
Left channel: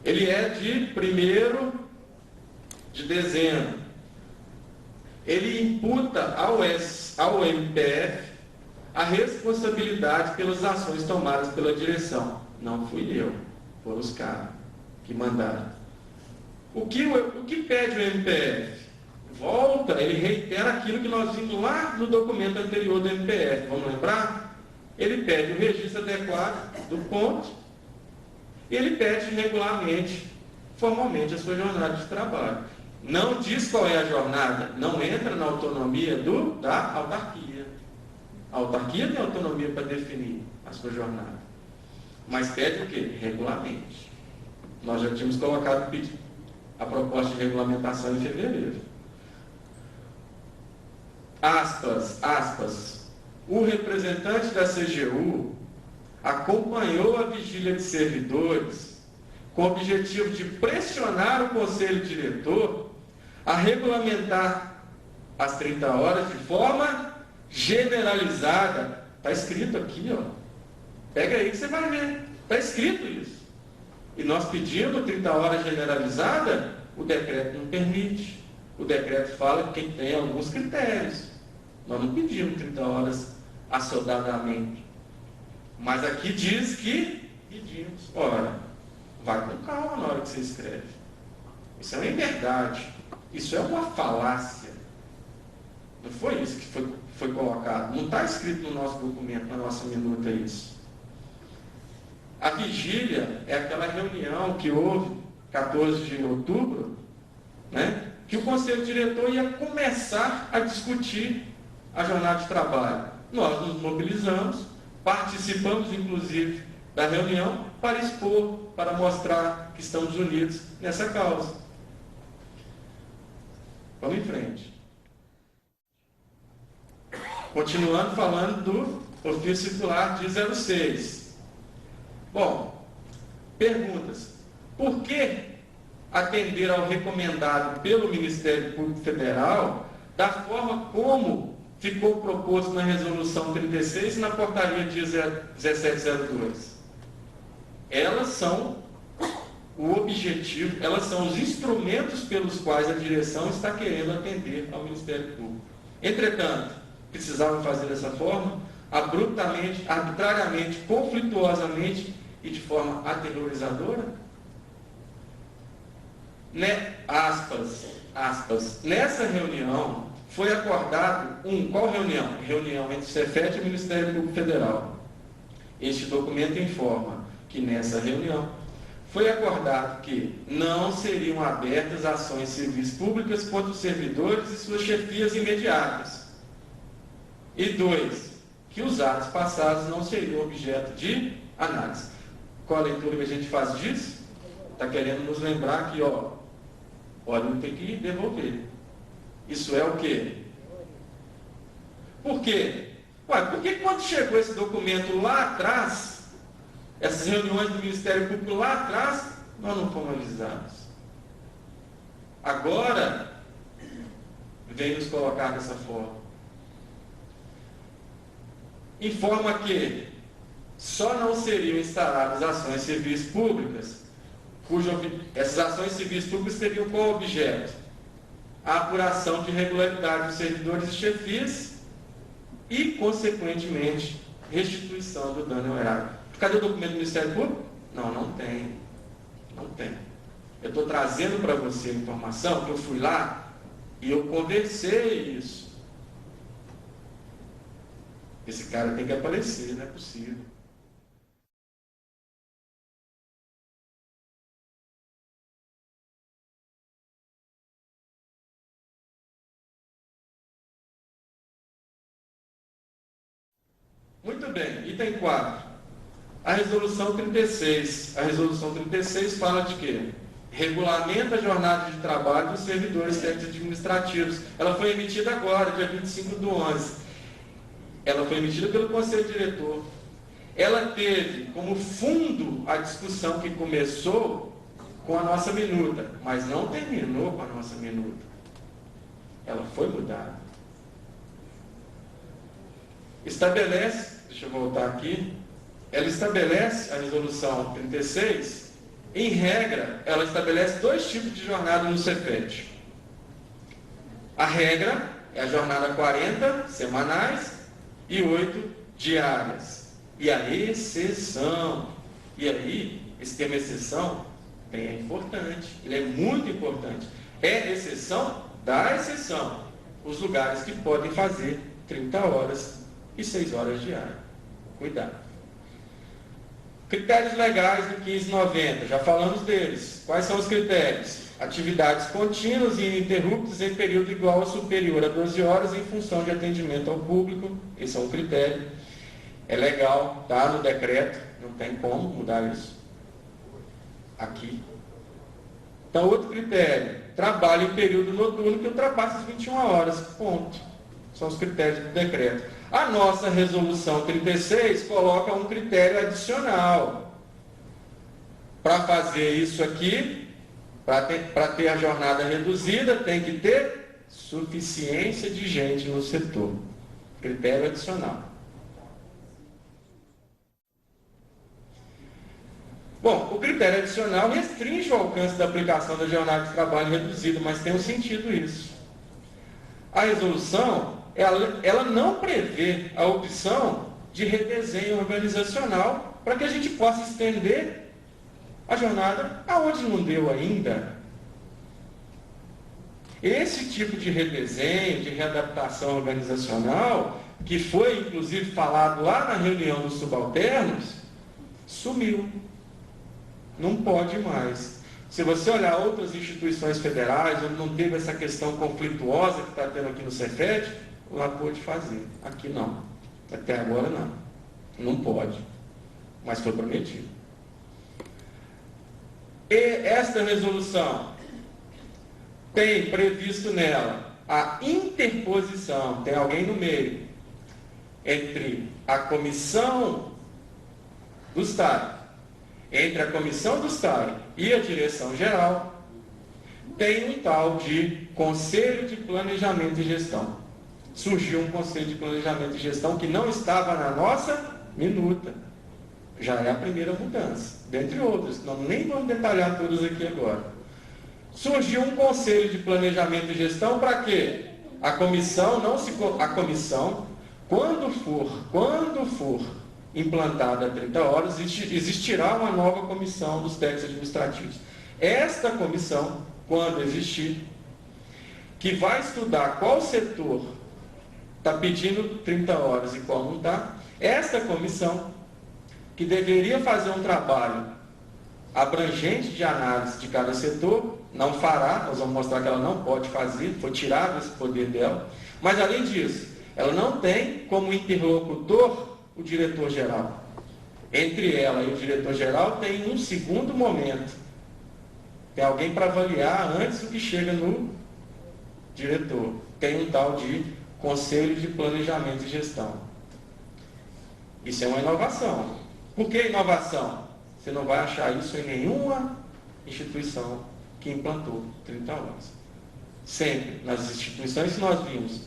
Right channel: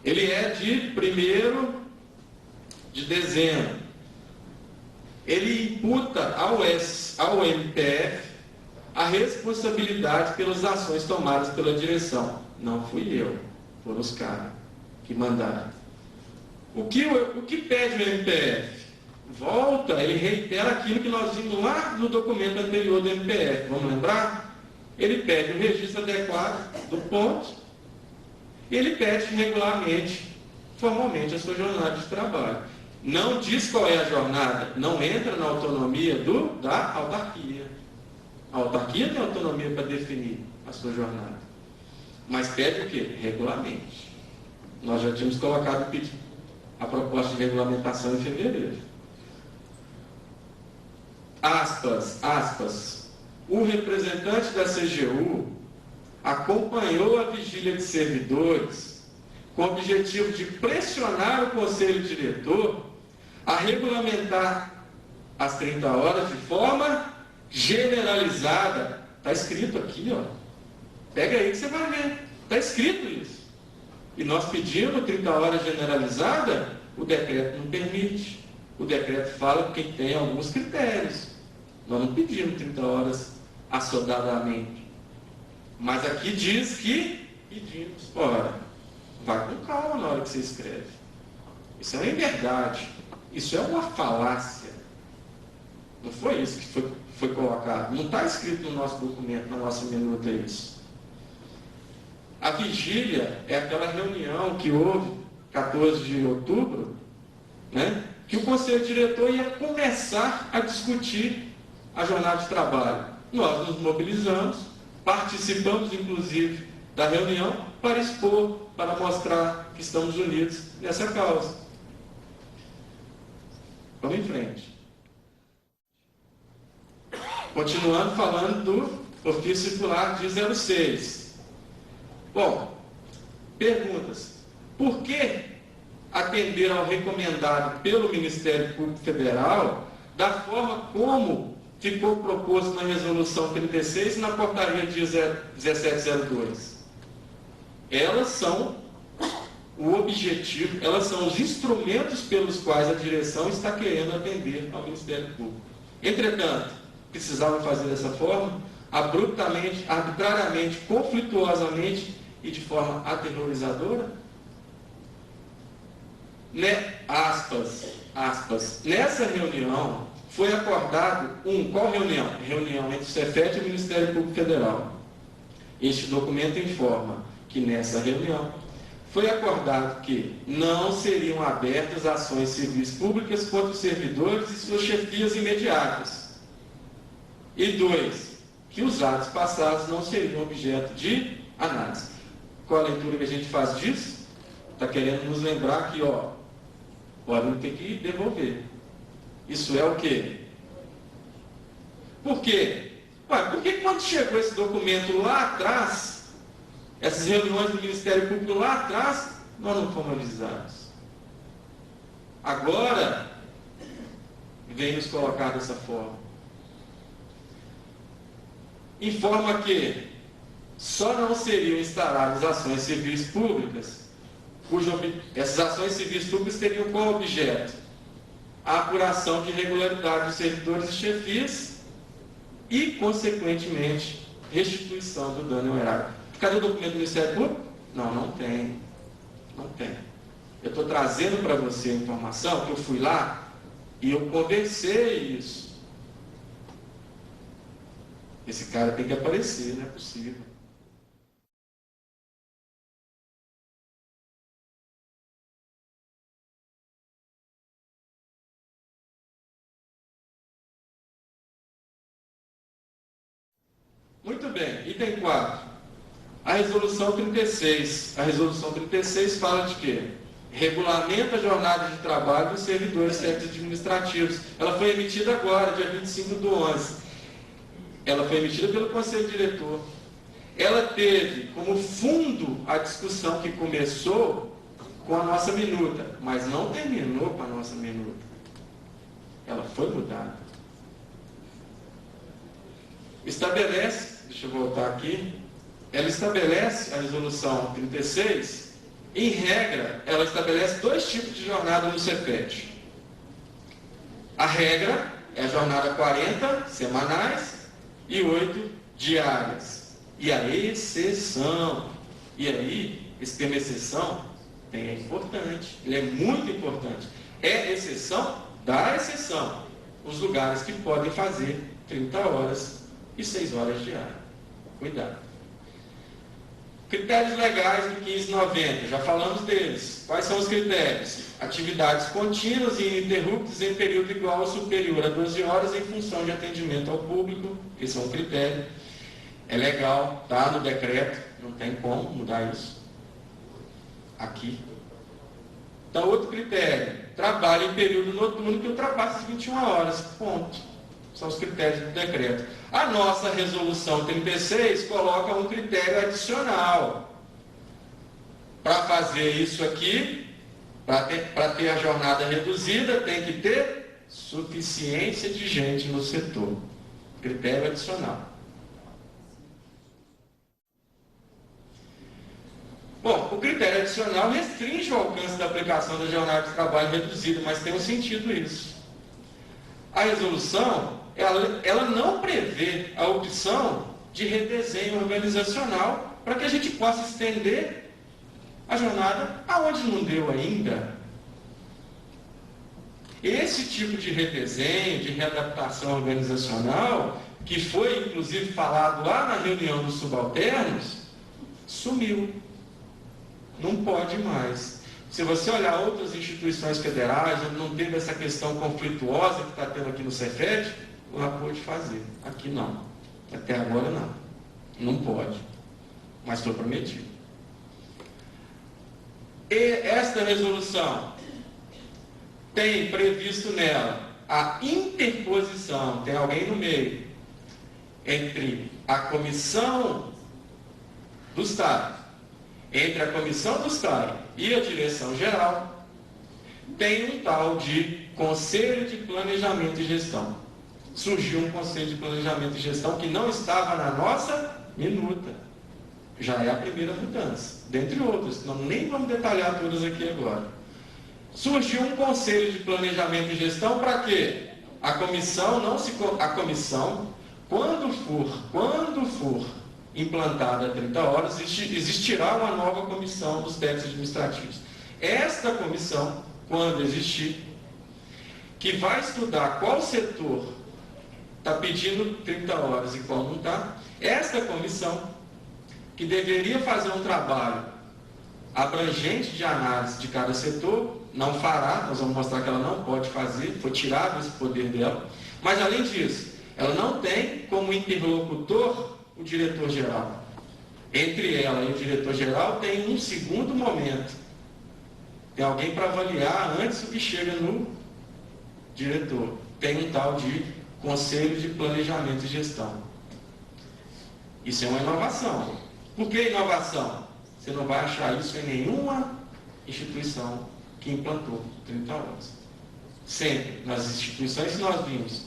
Ele é de 1º de dezembro. Ele imputa ao MPF a responsabilidade pelas ações tomadas pela direção. Não fui eu, foram os caras que mandaram. O que pede o MPF? Volta, ele reitera aquilo que nós vimos lá no documento anterior do MPF. Vamos lembrar? Ele pede o registro adequado do ponto e ele pede regularmente, formalmente, a sua jornada de trabalho. Não diz qual é a jornada, não entra na autonomia da autarquia. A autarquia tem autonomia para definir a sua jornada. Mas pede o quê? Regularmente. Nós já tínhamos colocado a proposta de regulamentação em fevereiro. Aspas, o representante da CGU acompanhou a vigília de servidores com o objetivo de pressionar o Conselho Diretor a regulamentar as 30 horas de forma generalizada. Está escrito aqui, ó. Pega aí que você vai ver. Está escrito isso. E nós pedimos 30 horas generalizada, o decreto não permite. O decreto fala que tem alguns critérios. Nós não pedimos 30 horas assodadamente. Mas aqui diz que pedimos. Ora, vai com calma na hora que você escreve. Isso é uma inverdade. Isso é uma falácia. Não foi isso que foi colocado. Não está escrito no nosso documento, na nossa minuta isso. A vigília é aquela reunião que houve, 14 de outubro, né? Que o Conselho Diretor ia começar a discutir a jornada de trabalho. Nós nos mobilizamos, participamos, inclusive, da reunião para expor, para mostrar que estamos unidos nessa causa. Vamos em frente. Continuando falando do ofício circular de 06. Bom, perguntas. Por que atender ao recomendado pelo Ministério Público Federal da forma como ficou proposto na Resolução 36 e na Portaria dia 1702? Elas são o objetivo, elas são os instrumentos pelos quais a direção está querendo atender ao Ministério Público. Entretanto, precisavam fazer dessa forma, abruptamente, arbitrariamente, conflituosamente e de forma aterrorizadora? Aspas. Nessa reunião foi acordado qual reunião? Reunião entre o Cefet e o Ministério Público Federal. Este documento informa que nessa reunião foi acordado que não seriam abertas ações civis públicas contra os servidores e suas chefias imediatas. E 2, que os atos passados não seriam objeto de análise. Qual a leitura que a gente faz disso? Está querendo nos lembrar que, podem ter que devolver. Isso é o quê? Por quê? Porque quando chegou esse documento lá atrás, essas reuniões do Ministério Público lá atrás, nós não fomos avisados. agora vem nos colocar dessa forma. Informa que só não seriam instaladas ações civis públicas, essas ações civis públicas teriam como objeto a apuração de irregularidade dos servidores e chefias e, consequentemente, restituição do dano erário. Cadê o documento do Ministério Público? Não, não tem. Não tem. Eu estou trazendo para você a informação que eu fui lá e eu conversei isso. Esse cara tem que aparecer, não é possível. Muito bem, item 4. A resolução 36. A resolução 36 fala de quê? Regulamenta a jornada de trabalho dos servidores técnicos administrativos. Ela foi emitida agora, dia 25/11. Ela foi emitida pelo Conselho Diretor. Ela teve como fundo a discussão que começou com a nossa minuta, mas não terminou com a nossa minuta. Ela foi mudada. Estabelece, deixa eu voltar aqui, ela estabelece, a resolução 36, em regra, ela estabelece 2 tipos de jornada no Cefet. A regra é a jornada 40 semanais e 8 diárias. E a exceção, e aí, esse termo exceção é importante, ele é muito importante. É exceção da exceção. Os lugares que podem fazer 30 horas e 6 horas diárias. Cuidado. Critérios legais do 1590, já falamos deles. Quais são os critérios? Atividades contínuas e ininterruptas em período igual ou superior a 12 horas em função de atendimento ao público. Esse é um critério. É legal, está no decreto, não tem como mudar isso. Aqui. Então, outro critério. Trabalho em período noturno que ultrapassa as 21 horas. Ponto. São os critérios do decreto. A nossa resolução 36 coloca um critério adicional. Para fazer isso aqui, para ter a jornada reduzida, tem que ter suficiência de gente no setor. Critério adicional. Bom, o critério adicional restringe o alcance da aplicação da jornada de trabalho reduzida, mas tem um sentido isso. A resolução, ela não prevê a opção de redesenho organizacional para que a gente possa estender a jornada aonde não deu ainda. Esse tipo de redesenho, de readaptação organizacional, que foi inclusive falado lá na reunião dos subalternos, sumiu. Não pode mais. Se você olhar outras instituições federais, onde não teve essa questão conflituosa que está tendo aqui no Cefet, lá pode fazer. Aqui não. Até agora não. Não pode. Mas foi prometido. E esta resolução tem previsto nela a interposição, tem alguém no meio, entre a comissão do Estado, entre a comissão do Estado e a direção geral, tem um tal de Conselho de Planejamento e Gestão. Surgiu um Conselho de Planejamento e Gestão que não estava na nossa minuta. Já é a primeira mudança, dentre outras, nós nem vamos detalhar todas aqui agora. Surgiu um Conselho de Planejamento e Gestão para quê? A comissão, quando for implantada 30 horas, existirá uma nova comissão dos técnicos administrativos. Esta comissão, quando existir, que vai estudar qual setor está pedindo 30 horas e qual não está, esta comissão, que deveria fazer um trabalho abrangente de análise de cada setor, não fará, nós vamos mostrar que ela não pode fazer, foi tirado esse poder dela, mas além disso, ela não tem como interlocutor o diretor-geral. Entre ela e o diretor-geral tem um segundo momento. Tem alguém para avaliar antes do que chega no diretor. Tem um tal de Conselho de Planejamento e Gestão. Isso é uma inovação. Por que inovação? Você não vai achar isso em nenhuma instituição que implantou 30 horas. Sempre, nas instituições que nós vimos,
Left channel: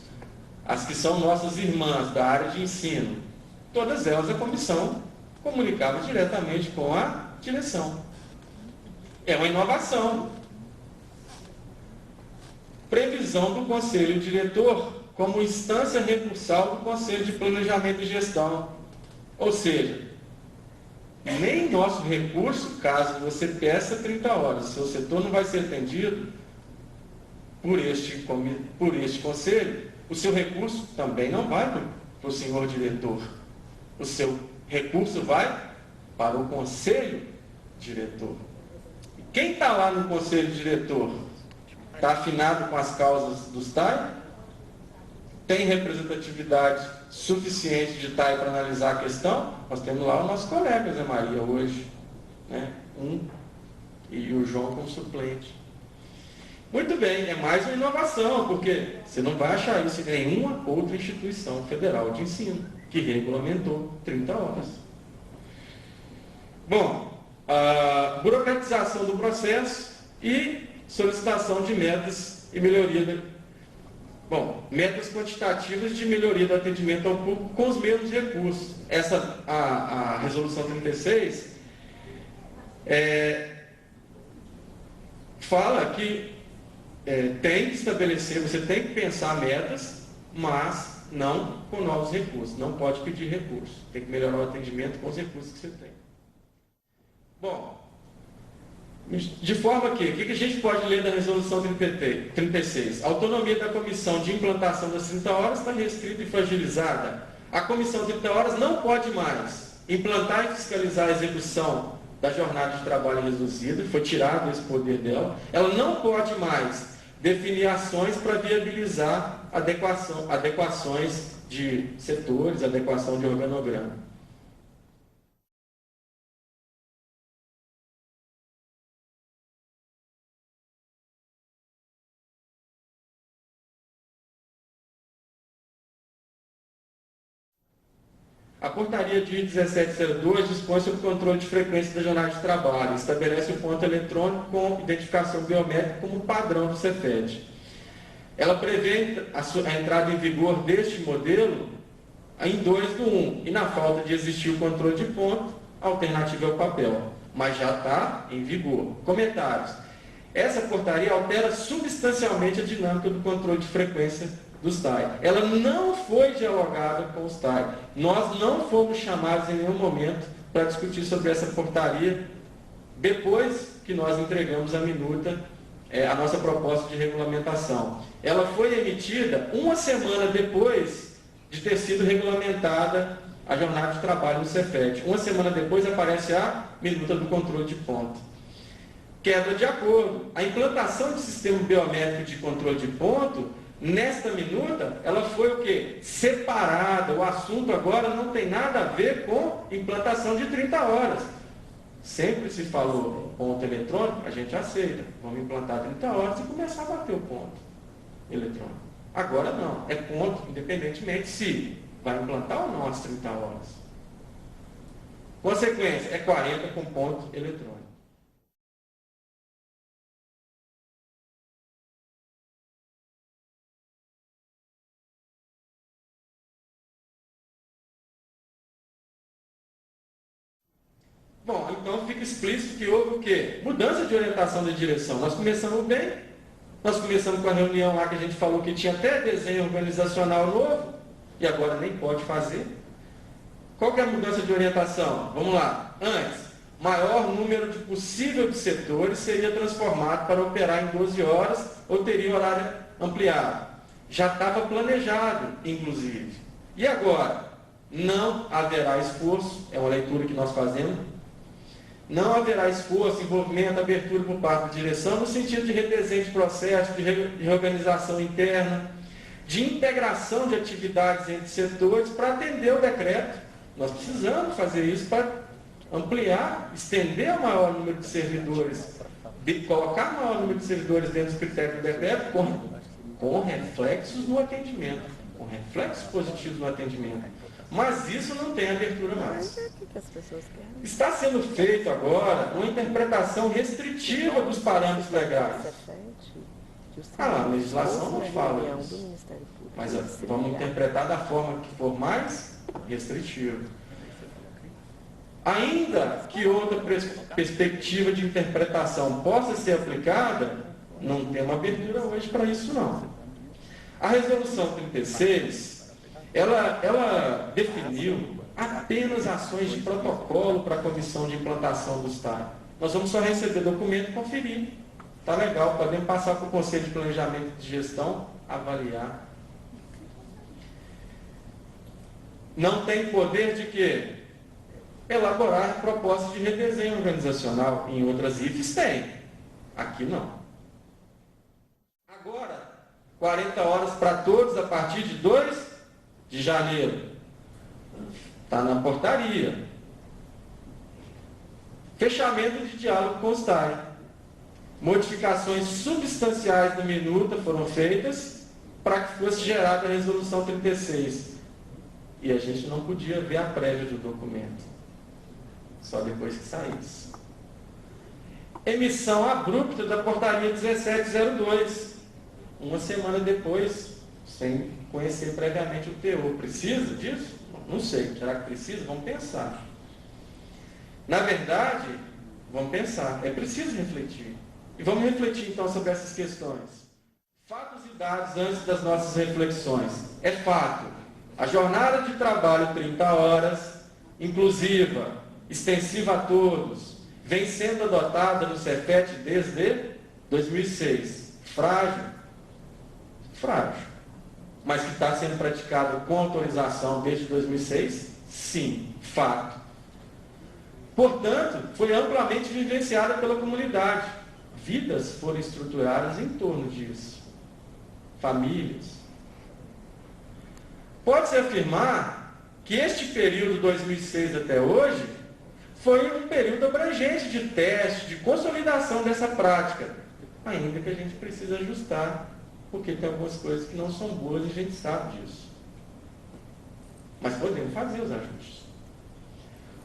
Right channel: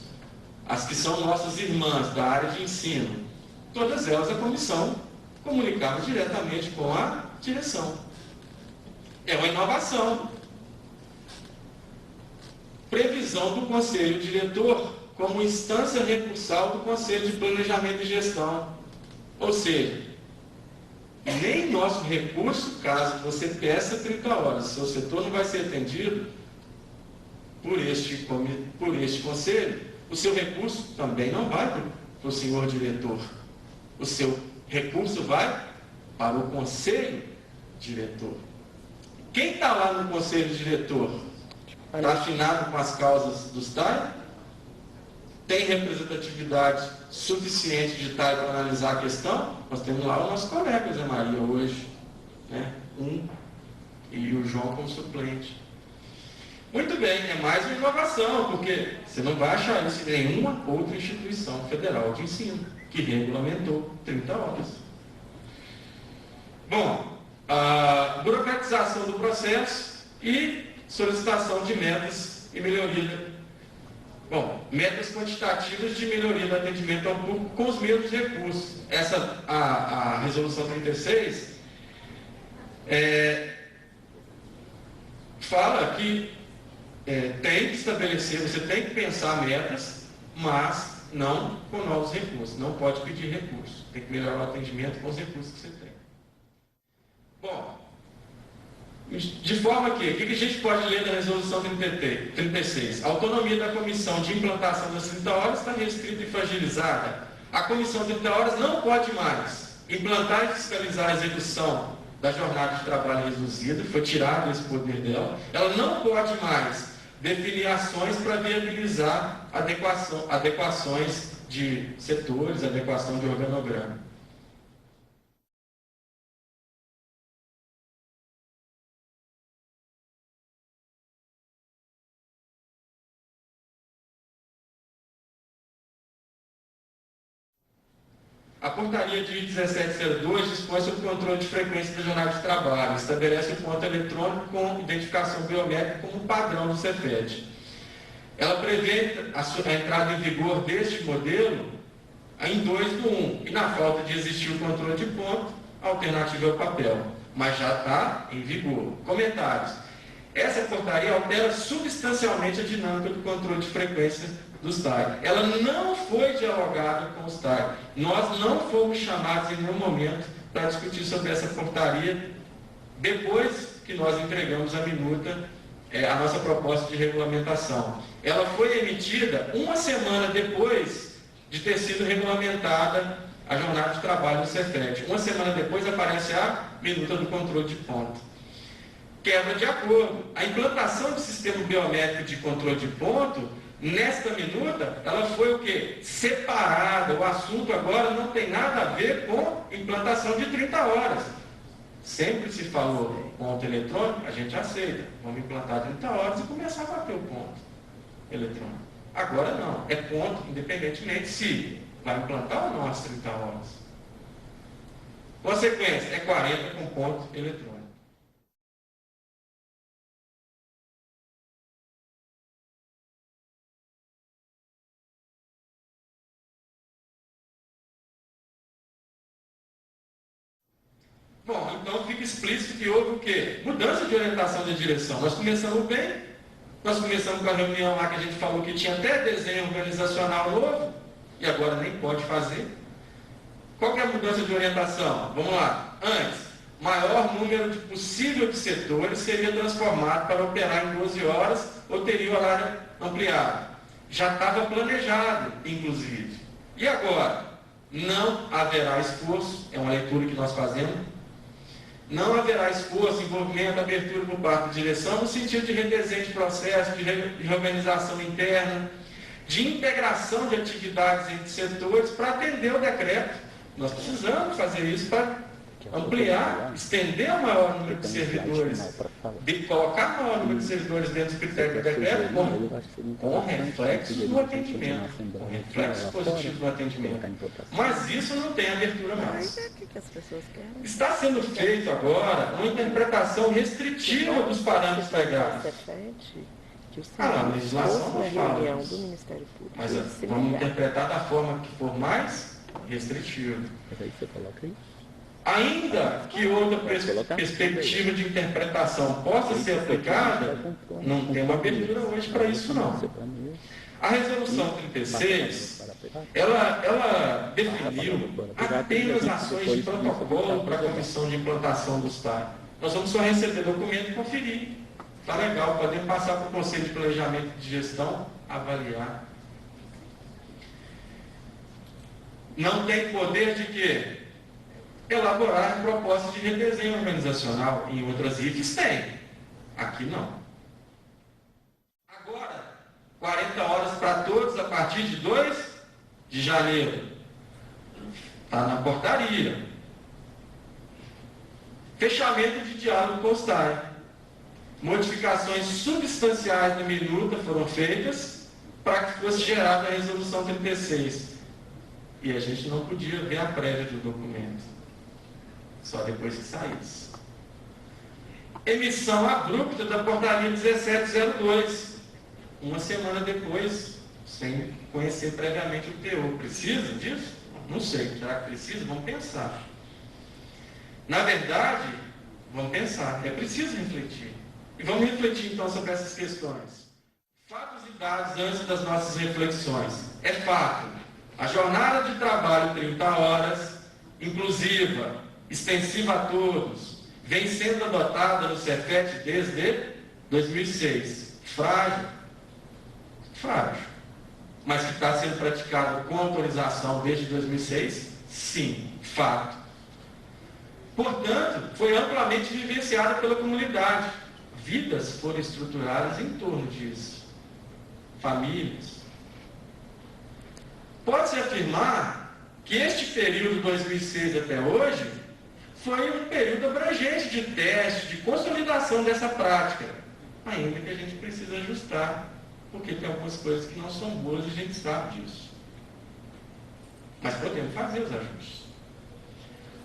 as que são nossas irmãs da área de ensino, todas elas a comissão comunicava diretamente com a direção. É uma inovação. Previsão do Conselho Diretor como instância recursal do Conselho de Planejamento e Gestão. Ou seja, nem nosso recurso, caso você peça 30 horas, seu setor não vai ser atendido por este conselho, o seu recurso também não vai para o senhor diretor. O seu recurso vai para o conselho diretor. Quem está lá no conselho diretor? Está afinado com as causas dos TAI? Tem representatividade suficiente de TAI para analisar a questão? Nós temos lá o nosso colega Zé Maria hoje, né? E o João como suplente. Muito bem, é mais uma inovação, porque você não vai achar isso em nenhuma outra instituição federal de ensino que regulamentou 30 horas. Bom, a burocratização do processo e solicitação de metas e melhoria. Bom, metas quantitativas de melhoria do atendimento ao público com os mesmos recursos. A resolução 36 fala que tem que estabelecer, você tem que pensar metas, mas não com novos recursos. Não pode pedir recursos. Tem que melhorar o atendimento com os recursos que você tem. Bom, de forma que, o que a gente pode ler da resolução 36? A autonomia da comissão de implantação das 30 horas está restrita e fragilizada. A comissão de 30 horas não pode mais implantar e fiscalizar a execução da jornada de trabalho reduzida, foi tirado esse poder dela. Ela não pode mais definir ações para viabilizar adequações de setores, adequação de organograma. A portaria de 1702 dispõe sobre o controle de frequência da jornada de trabalho, estabelece o ponto eletrônico com identificação biométrica como padrão do Cefet. Ela prevê a entrada em vigor deste modelo em 2/1, e na falta de existir o controle de ponto, a alternativa é o papel, mas já está em vigor. Comentários. Essa portaria altera substancialmente a dinâmica do controle de frequência dos TAI. Ela não foi dialogada com os TAI. Nós não fomos chamados em nenhum momento para discutir sobre essa portaria depois que nós entregamos a minuta, a nossa proposta de regulamentação. Ela foi emitida uma semana depois de ter sido regulamentada a jornada de trabalho do Cefet. Uma semana depois aparece a minuta do controle de ponto. Quebra de acordo. A implantação do sistema biométrico de controle de ponto, nesta minuta, ela foi o quê? Separada. O assunto agora não tem nada a ver com implantação de 30 horas. Sempre se falou ponto eletrônico, a gente aceita. Vamos implantar 30 horas e começar a bater o ponto eletrônico. Agora não, é ponto, independentemente se vai implantar ou não as 30 horas. Consequência, é 40 com ponto eletrônico. Bom, então fica explícito que houve o quê? Mudança de orientação de direção. Nós começamos bem, nós começamos com a reunião lá que a gente falou que tinha até desenho organizacional novo, e agora nem pode fazer. Qual que é a mudança de orientação? Vamos lá. Antes, maior número de possível de setores seria transformado para operar em 12 horas ou teria horário ampliado. Já estava planejado, inclusive. E agora? Não haverá esforço, é uma leitura que nós fazemos, não haverá esforço, envolvimento, abertura por parte da direção no sentido de redesenho de processo, de reorganização interna, de integração de atividades entre setores para atender o decreto. Nós precisamos fazer isso para ampliar, estender o maior número de servidores, colocar o maior número de servidores dentro do critério do decreto com reflexos no atendimento, com reflexos positivos no atendimento. Mas isso não tem abertura mais. Está sendo feito agora uma interpretação restritiva dos parâmetros legais. A legislação não fala isso. Mas vamos interpretar da forma que for mais restritiva. Ainda que outra perspectiva de interpretação possa ser aplicada, não tem uma abertura hoje para isso não. A resolução 36, ela definiu apenas ações de protocolo para a comissão de implantação do STAI. Nós vamos só receber documento e conferir. Está legal, podemos passar para o Conselho de Planejamento de Gestão, avaliar. Não tem poder de quê? Elaborar propostas de redesenho organizacional. Em outras IFs tem. Aqui não. Agora, 40 horas para todos a partir de 2 de janeiro. Está na portaria. Fechamento de diálogo com o STAI. Modificações substanciais de minuta foram feitas para que fosse gerada a resolução 36. E a gente não podia ver a prévia do documento. Só depois que saísse. Emissão abrupta da portaria 1702. Uma semana depois, sem conhecer previamente o teor. Precisa disso? Não sei. Será que precisa? Vamos pensar. Na verdade, vamos pensar. É preciso refletir. E vamos refletir então sobre essas questões. Fatos e dados antes das nossas reflexões. É fato. A jornada de trabalho 30 horas, inclusiva, extensiva a todos, vem sendo adotada no Cefet desde 2006. Frágil. Frágil. Mas que está sendo praticado com autorização desde 2006? Sim, fato. Portanto, foi amplamente vivenciada pela comunidade. Vidas foram estruturadas em torno disso. Famílias. Pode-se afirmar que este período, 2006 até hoje, foi um período abrangente de teste, de consolidação dessa prática. Ainda que a gente precisa ajustar, porque tem algumas coisas que não são boas e a gente sabe disso. Mas podemos fazer os ajustes.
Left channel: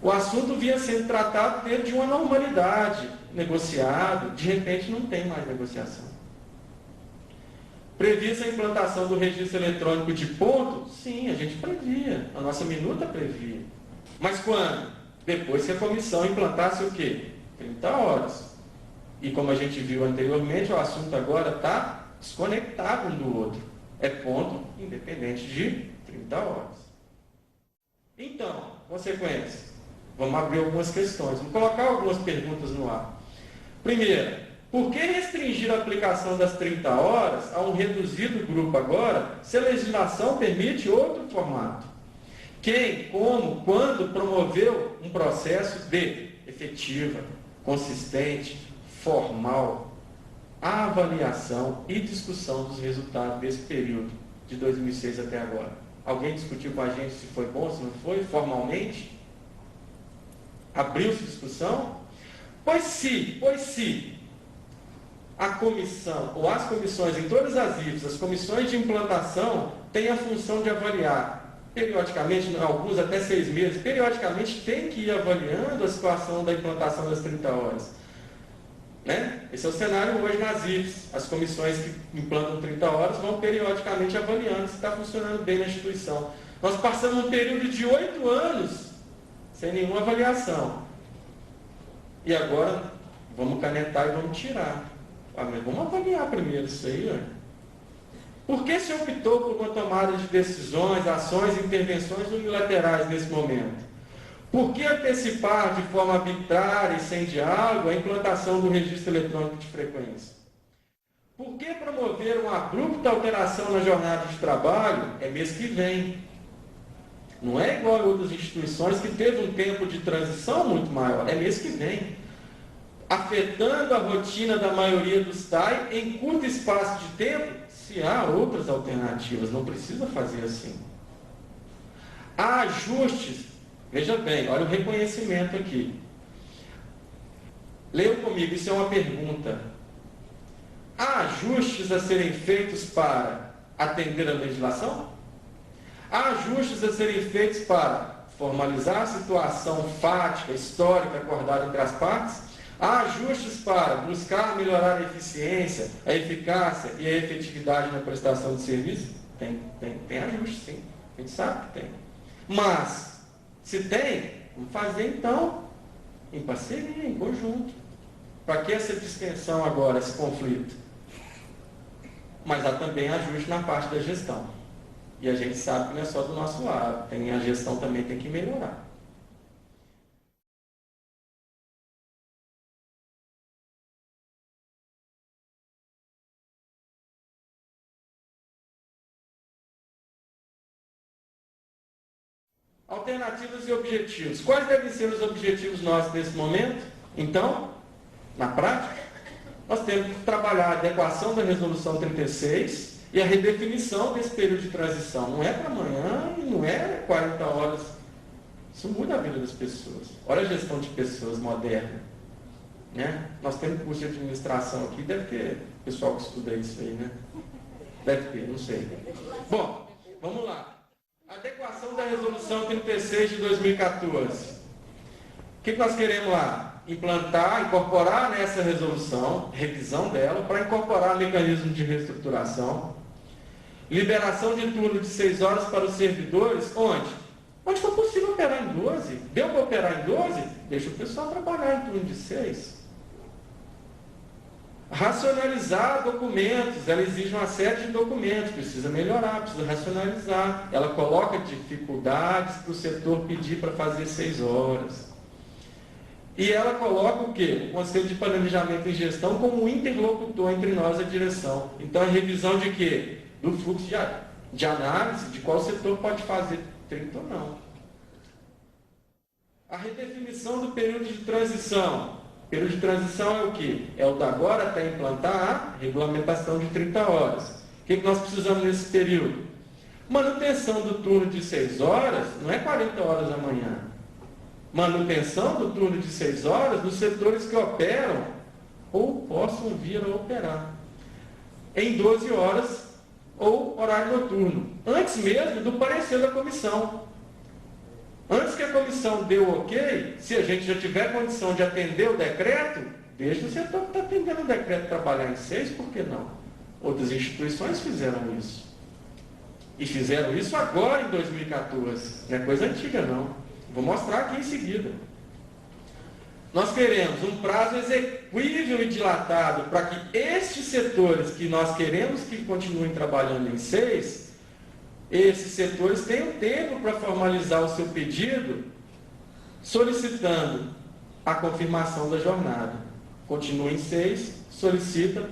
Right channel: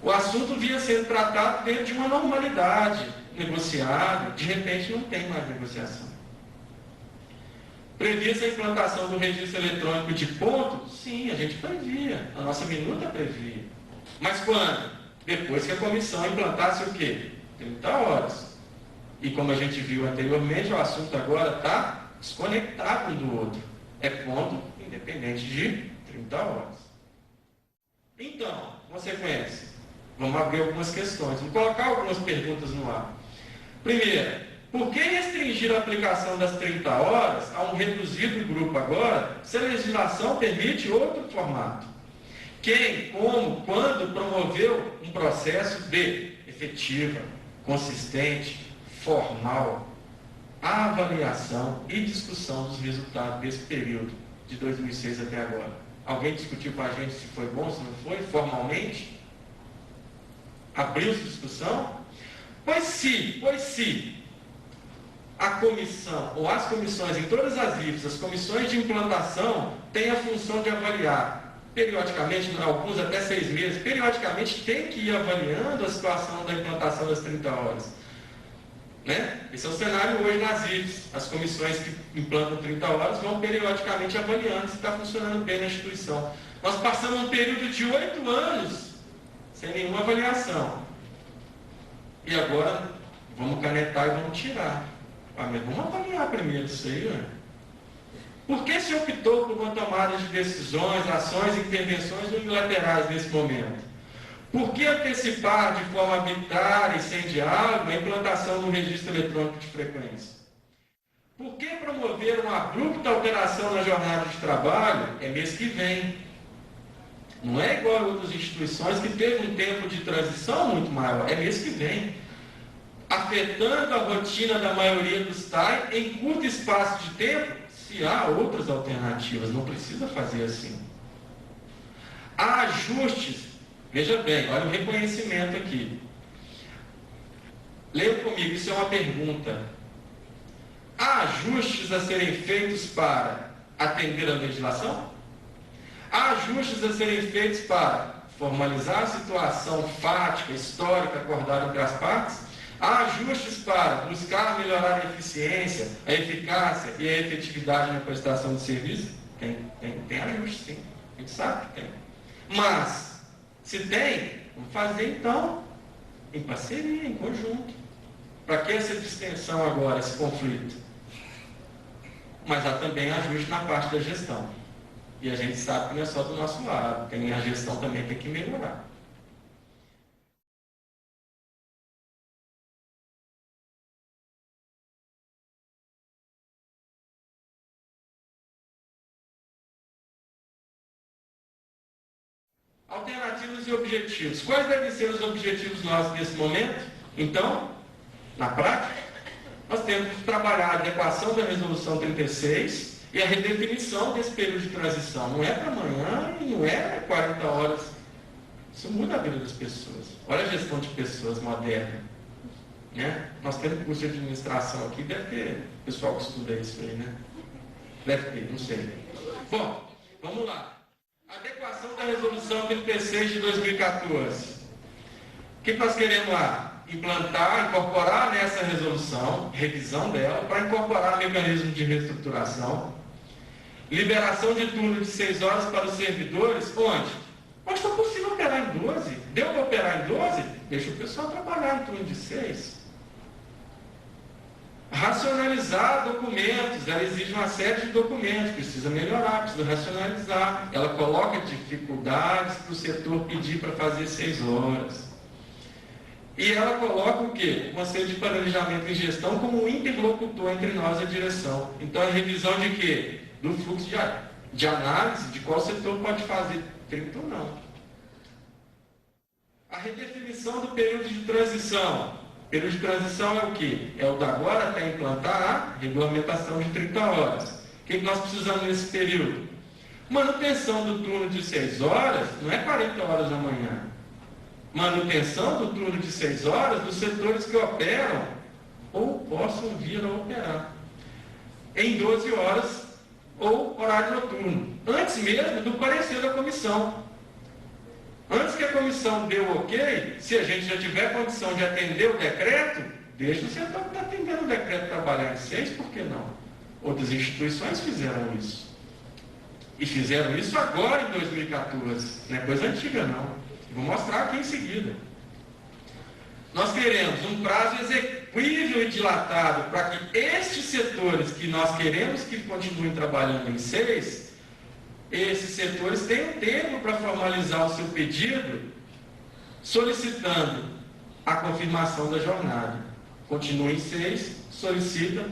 O assunto vinha sendo tratado dentro de uma normalidade, negociado, de repente não tem mais negociação. Previa-se a implantação do registro eletrônico de ponto? Sim, a gente previa. A nossa minuta previa. Mas quando? Depois que a comissão implantasse o quê? 30 horas. E como a gente viu anteriormente, o assunto agora está desconectado um do outro. É ponto independente de 30 horas. Então, consequência. Vamos abrir algumas questões. Vamos colocar algumas perguntas no ar. Primeiro, por que restringir a aplicação das 30 horas a um reduzido grupo agora, se a legislação permite outro formato? Quem, como, quando promoveu um processo de efetiva, consistente, formal, avaliação e discussão dos resultados desse período de 2006 até agora? Alguém discutiu com a gente se foi bom, se não foi, formalmente? Abriu-se discussão? Pois se a comissão, ou as comissões em todas as IFs, as comissões de implantação, têm a função de avaliar, periodicamente, alguns até 6 meses, periodicamente tem que ir avaliando a situação da implantação das 30 horas. Né? Esse é o cenário hoje nas IFs. As comissões que implantam 30 horas vão periodicamente avaliando se está funcionando bem na instituição. Nós passamos um período de 8 anos sem nenhuma avaliação. E agora, vamos canetar e vamos tirar. Mas vamos avaliar primeiro isso aí. Né? Por que se optou por uma tomada de decisões, ações e intervenções unilaterais nesse momento? Por que antecipar de forma arbitrária e sem diálogo a implantação do registro eletrônico de frequência? Por que promover uma abrupta alteração na jornada de trabalho? É mês que vem. Não é igual a outras instituições que teve um tempo de transição muito maior. É mês que vem. Afetando a rotina da maioria dos TAI em curto espaço de tempo, se há outras alternativas. Não precisa fazer assim. Há ajustes Veja bem, olha o reconhecimento aqui. Leiam comigo, isso é uma pergunta. Há ajustes a serem feitos para atender a legislação? Há ajustes a serem feitos para formalizar a situação fática, histórica, acordada entre as partes? Há ajustes para buscar melhorar a eficiência, a eficácia e a efetividade na prestação de serviço? Tem ajustes, sim. A gente sabe que tem. Mas, se tem, vamos fazer então em parceria, em conjunto. Para que essa distensão agora, esse conflito? Mas há também ajuste na parte da gestão. E a gente sabe que não é só do nosso lado, a gestão também tem que melhorar. Alternativas e objetivos. Quais devem ser os objetivos nossos nesse momento? Então, na prática, nós temos que trabalhar a adequação da resolução 36 e a redefinição desse período de transição. Não é para amanhã e não é 40 horas. Isso muda a vida das pessoas. Olha a gestão de pessoas moderna. Né? Nós temos curso de administração aqui, deve ter pessoal que estuda isso aí, né? Deve ter, não sei. Bom, vamos lá. Adequação da resolução 36 de 2014. O que nós queremos lá? Implantar, incorporar nessa resolução, revisão dela, para incorporar mecanismo de reestruturação, liberação de turno de 6 horas para os servidores, onde? Onde for possível operar em 12. Deu para operar em 12? Deixa o pessoal trabalhar em turno de 6. Racionalizar documentos, ela exige uma série de documentos, precisa melhorar, precisa racionalizar. Ela coloca dificuldades para o setor pedir para fazer 6 horas. E ela coloca o quê? O Conselho de Planejamento e Gestão como interlocutor entre nós e a direção. Então, a revisão de quê? Do fluxo de análise de qual setor pode fazer 30 ou não. A redefinição do período de transição. O período de transição é o quê? É o da agora até implantar a regulamentação de 30 horas. O que nós precisamos nesse período? Manutenção do turno de 6 horas não é 40 horas da manhã. Manutenção do turno de 6 horas dos setores que operam ou possam vir a operar em 12 horas ou horário noturno. Antes mesmo do parecer da comissão. Antes que a comissão dê o ok, se a gente já tiver condição de atender o decreto, deixa o setor que está atendendo o decreto trabalhar em 6, por que não? Outras instituições fizeram isso. E fizeram isso agora em 2014. Não é coisa antiga, não. Vou mostrar aqui em seguida. Nós queremos um prazo execuível e dilatado para que estes setores que nós queremos que continuem trabalhando em 6, esses setores tenham tempo para formalizar o seu pedido, solicitando a confirmação da jornada. Continua em 6, solicita,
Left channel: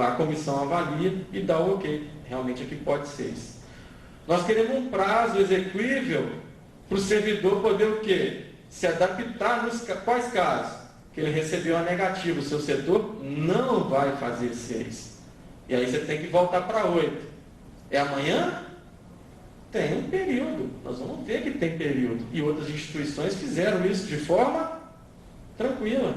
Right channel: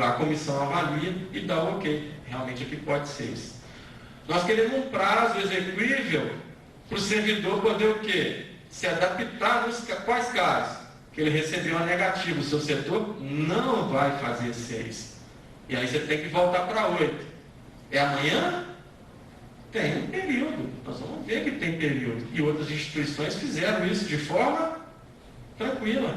a comissão avalia e dá o ok. Realmente aqui pode 6. Nós queremos um prazo execuível para o servidor poder o quê? Se adaptar nos quais casos? Que ele recebeu uma negativa, o seu setor não vai fazer 6. E aí você tem que voltar para 8. É amanhã? Tem um período. Nós vamos ver que tem período. E outras instituições fizeram isso de forma tranquila.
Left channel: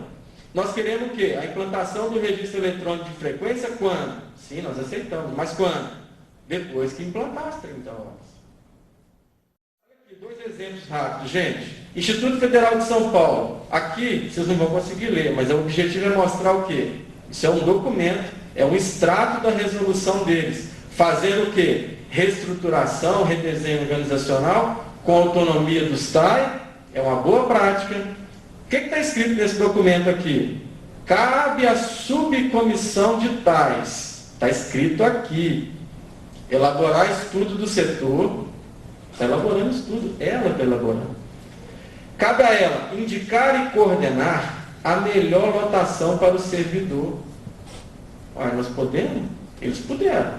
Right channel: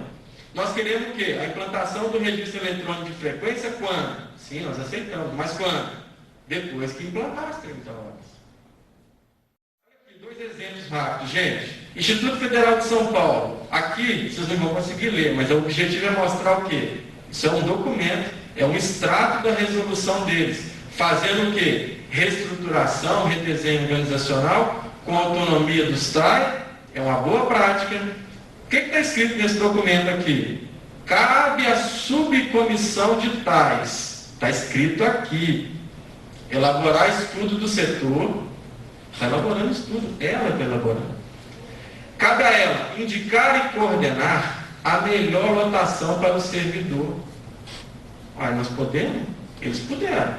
Nós queremos o quê? A implantação do registro eletrônico de frequência quando? Sim, nós aceitamos. Mas quando? Depois que implantar as 30 horas. Dois exemplos rápidos, gente. Instituto Federal de São Paulo. Aqui, vocês não vão conseguir ler, mas o objetivo é mostrar o quê? Isso é um documento, é um extrato da resolução deles. Fazendo o quê? Reestruturação, redesenho organizacional, com autonomia dos TAI. É uma boa prática. O que está escrito nesse documento aqui? Cabe à subcomissão de TAIs. Está escrito aqui. Elaborar estudo do setor. Está elaborando estudo, ela está elaborando. Cabe a ela indicar e coordenar a melhor lotação para o servidor. Olha, nós podemos? Eles puderam.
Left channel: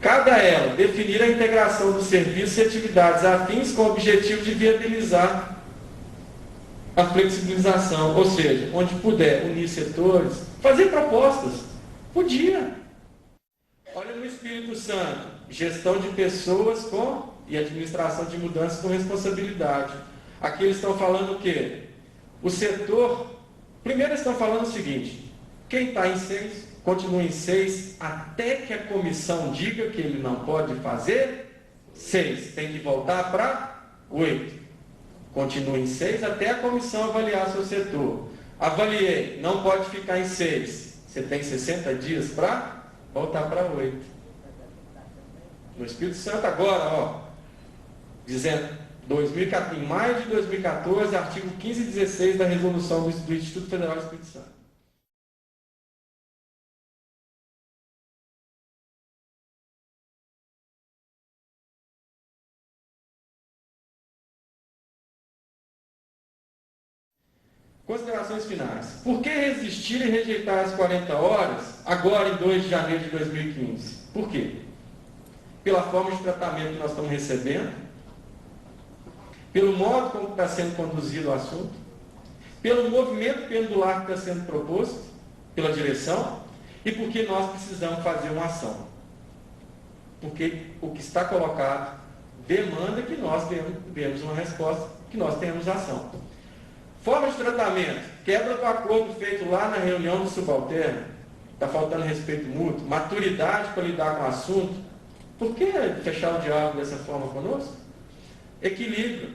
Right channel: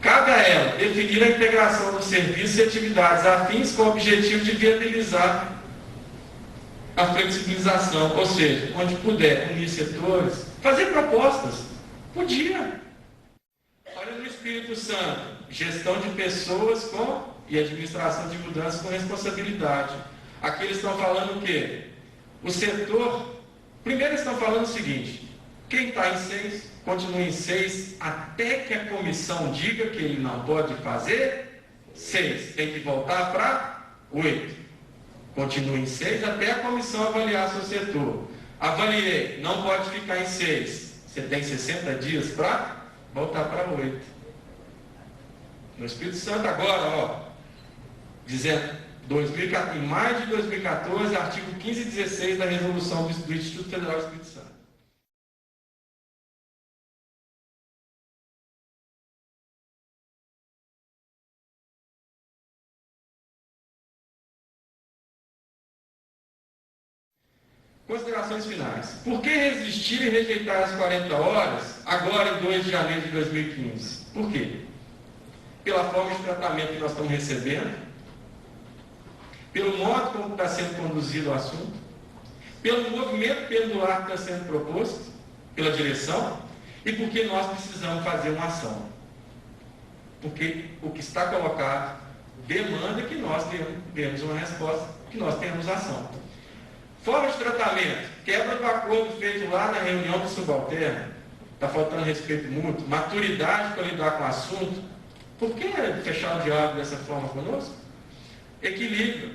Cabe a ela definir a integração dos serviços e atividades afins com o objetivo de viabilizar a flexibilização, ou seja, onde puder unir setores, fazer propostas. Podia. Olha no Espírito Santo, gestão de pessoas com e administração de mudanças com responsabilidade. Aqui eles estão falando o quê? O setor, primeiro eles estão falando o seguinte, quem está em 6, continua em 6, até que a comissão diga que ele não pode fazer 6, tem que voltar para 8. Continua em 6 até a comissão avaliar seu setor. Avaliei, não pode ficar em 6. Você tem 60 dias para voltar para 8. No Espírito Santo agora, ó, dizendo, em maio de 2014, artigo 15 e 16 da resolução do Instituto Federal do Espírito Santo. Considerações finais. Por que resistir e rejeitar as 40 horas agora em 2 de janeiro de 2015? Por quê? Pela forma de tratamento que nós estamos recebendo, pelo modo como está sendo conduzido o assunto, pelo movimento pendular que está sendo proposto pela direção e porque nós precisamos fazer uma ação. Porque o que está colocado demanda que nós demos uma resposta, que nós tenhamos ação. Forma de tratamento, quebra do acordo feito lá na reunião do subalterno, está faltando respeito mútuo, maturidade para lidar com o assunto. Por que fechar o diálogo dessa forma conosco? Equilíbrio.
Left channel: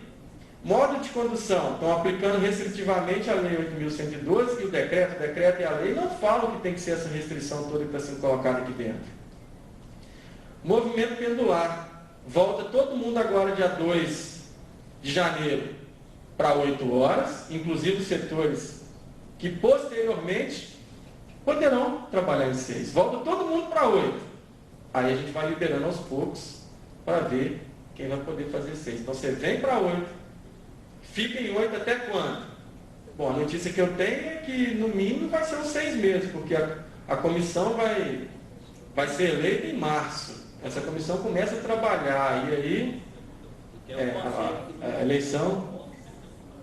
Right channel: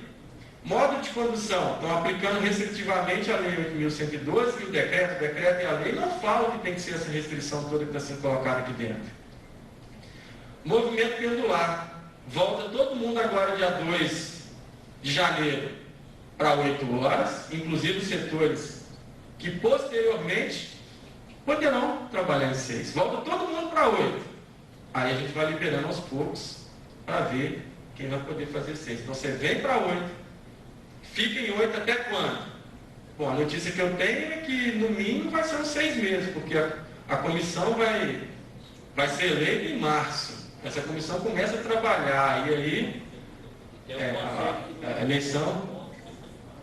Modo de condução, estão aplicando restritivamente a Lei 8.112 e o decreto e a lei não falam que tem que ser essa restrição toda que está sendo colocada aqui dentro. Movimento pendular, volta todo mundo agora dia 2 de janeiro para 8 horas, inclusive os setores que posteriormente poderão trabalhar em 6. Volta todo mundo para 8. Aí a gente vai liberando aos poucos para ver quem vai poder fazer 6. Então você vem para 8, fica em 8 até quando? Bom, a notícia que eu tenho é que no mínimo vai ser uns 6 meses, porque a comissão vai ser eleita em março. Essa comissão começa a trabalhar e aí a eleição...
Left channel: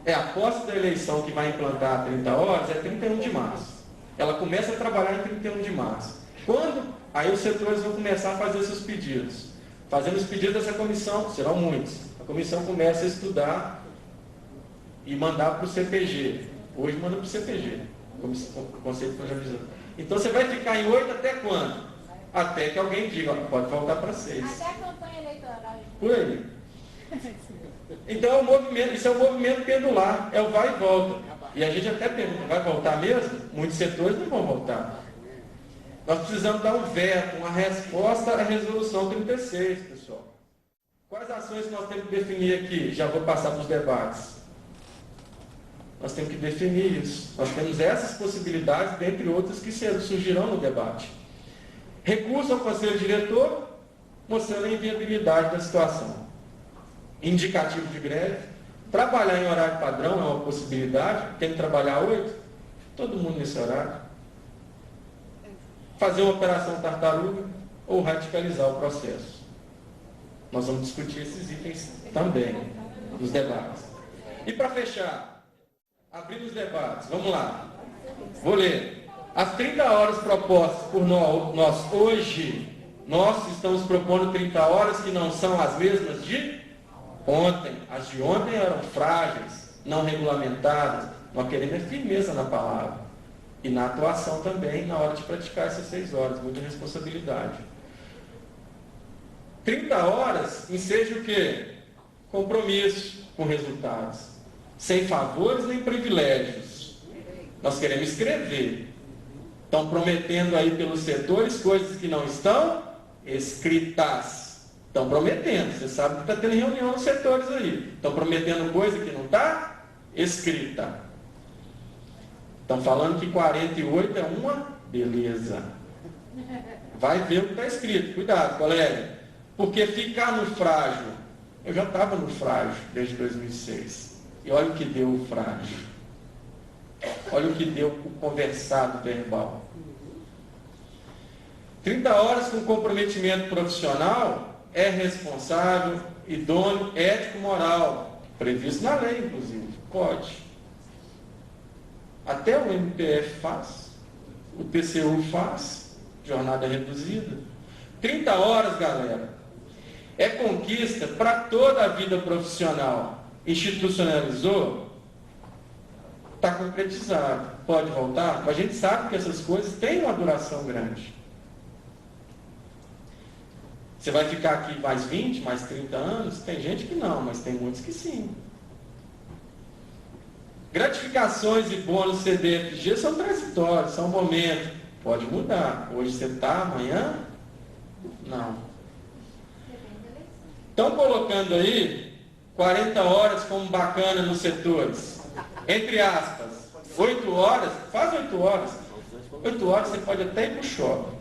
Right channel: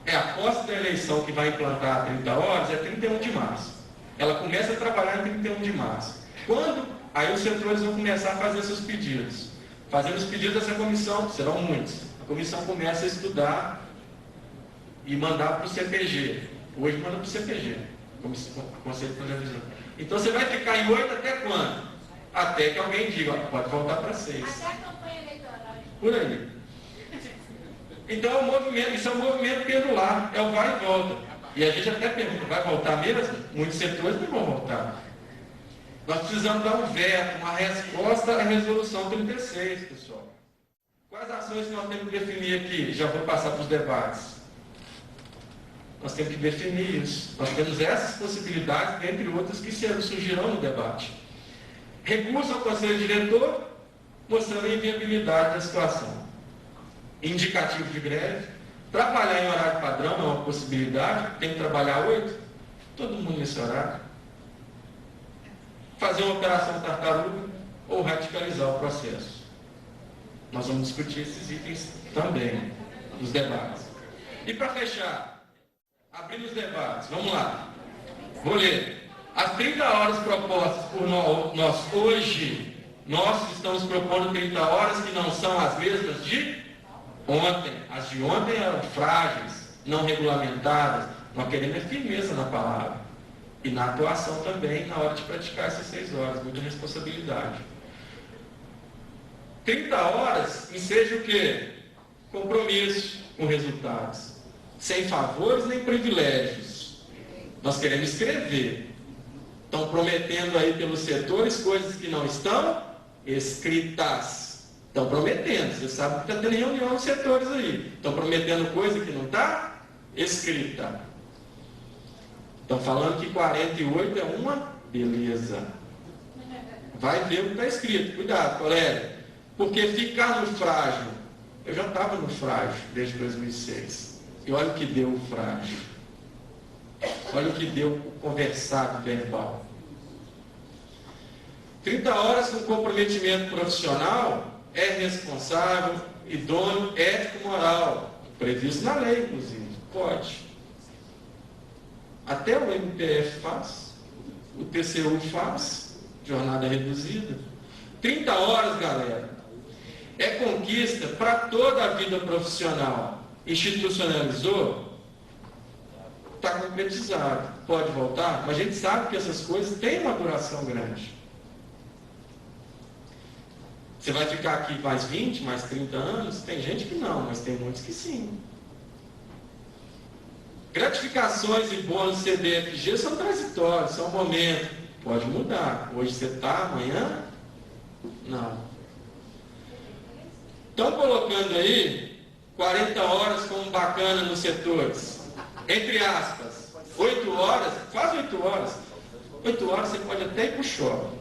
a posse da eleição que vai implantar a 30 horas é 31 de março. Ela começa a trabalhar em 31 de março. Aí os setores vão começar a fazer seus pedidos. Fazendo os pedidos dessa comissão, serão muitos. A comissão começa a estudar e mandar para o CPG. Hoje manda para o CPG, Conselho de Planejamento. Então você vai ficar em 8 até quando? Até que alguém diga, pode voltar para 6. Até a campanha eleitoral. Por aí. Então, isso é um movimento pendular, é o vai e volta. E a gente até pergunta, vai voltar mesmo? Muitos setores não vão voltar. Nós precisamos dar um veto, uma resposta à resolução 36, pessoal. Quais ações que nós temos que definir aqui? Já vou passar para os debates. Nós temos que definir isso. Nós temos essas possibilidades, dentre outras, que surgirão no debate. Recurso ao Conselho Diretor, mostrando a inviabilidade da situação. Indicativo de greve, trabalhar em horário padrão é uma possibilidade, tem que trabalhar 8, todo mundo nesse horário. Fazer uma operação tartaruga ou radicalizar o processo. Nós vamos discutir esses itens também nos debates. E para fechar, abrir os debates, vamos lá. Vou ler. As 30 horas propostas por nós hoje, nós estamos propondo 30 horas que não são as mesmas de ontem. As de ontem eram frágeis, não regulamentadas. Nós queremos firmeza na palavra. E na atuação também, na hora de praticar essas 6 horas. Muita responsabilidade. 30 horas enseja o quê? Compromisso com resultados. Sem favores nem privilégios. Nós queremos escrever. Estão prometendo aí pelos setores coisas que não estão escritas. Estão prometendo. Você sabe que está tendo reunião dos setores aí. Estão prometendo coisa que não está escrita. Estão falando que 48 é uma beleza. Vai ver o que está escrito. Cuidado, colega. Porque ficar no frágil. Eu já estava no frágil desde 2006. E olha o que deu o frágil. Olha o que deu o conversado verbal. 30 horas com comprometimento profissional é responsável, idôneo, ético, moral. Previsto na lei, inclusive. Pode. Até o MPF faz, o TCU faz, jornada reduzida. 30 horas, galera, é conquista para toda a vida profissional. Institucionalizou, está concretizado. Pode voltar? A gente sabe que essas coisas têm uma duração grande. Você vai ficar aqui mais 20, mais 30 anos? Tem gente que não, mas tem muitos que sim. Gratificações e bônus CDFG são transitórios, são momentos. Pode mudar. Hoje você está, amanhã? Não. Estão colocando aí 40 horas como bacana nos setores. Entre aspas, 8 horas, faz 8 horas. 8 horas você pode até ir para o shopping.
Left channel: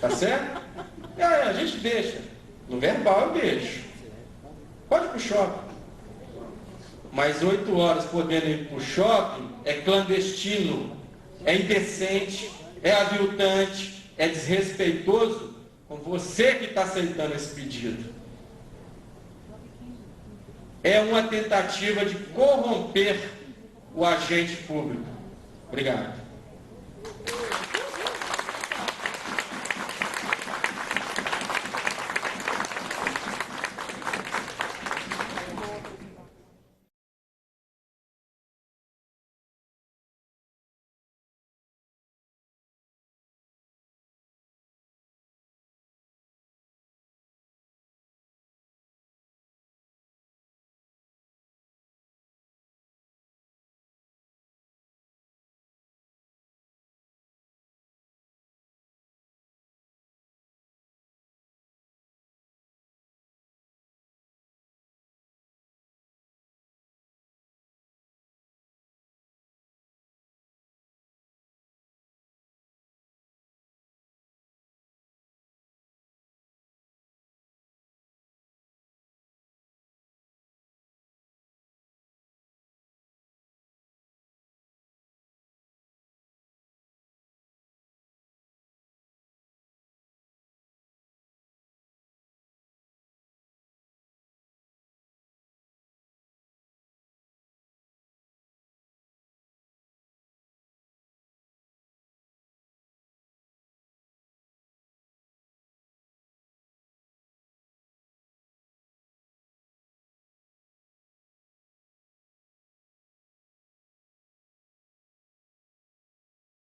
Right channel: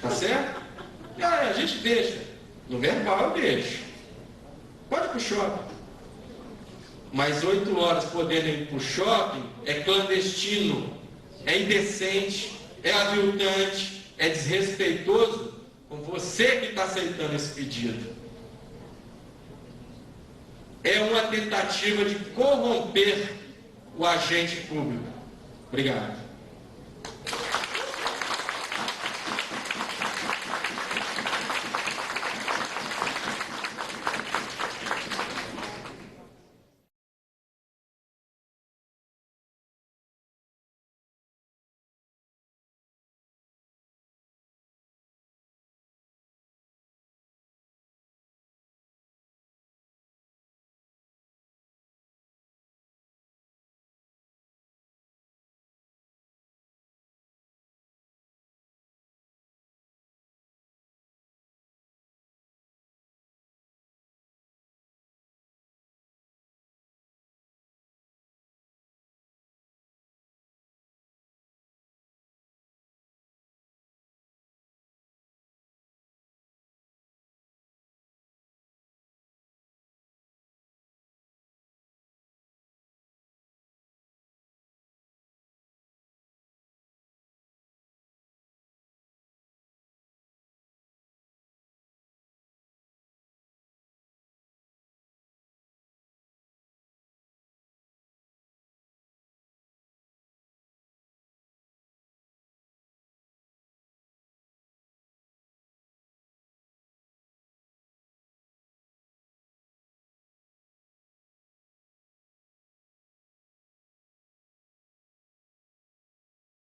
Tá certo? A gente deixa. No verbal eu deixo. Pode ir para o shopping. Mas 8 horas podendo ir para o shopping é clandestino, é indecente, é aviltante, é desrespeitoso com você que está aceitando esse pedido. É uma tentativa de corromper o agente público. Obrigado.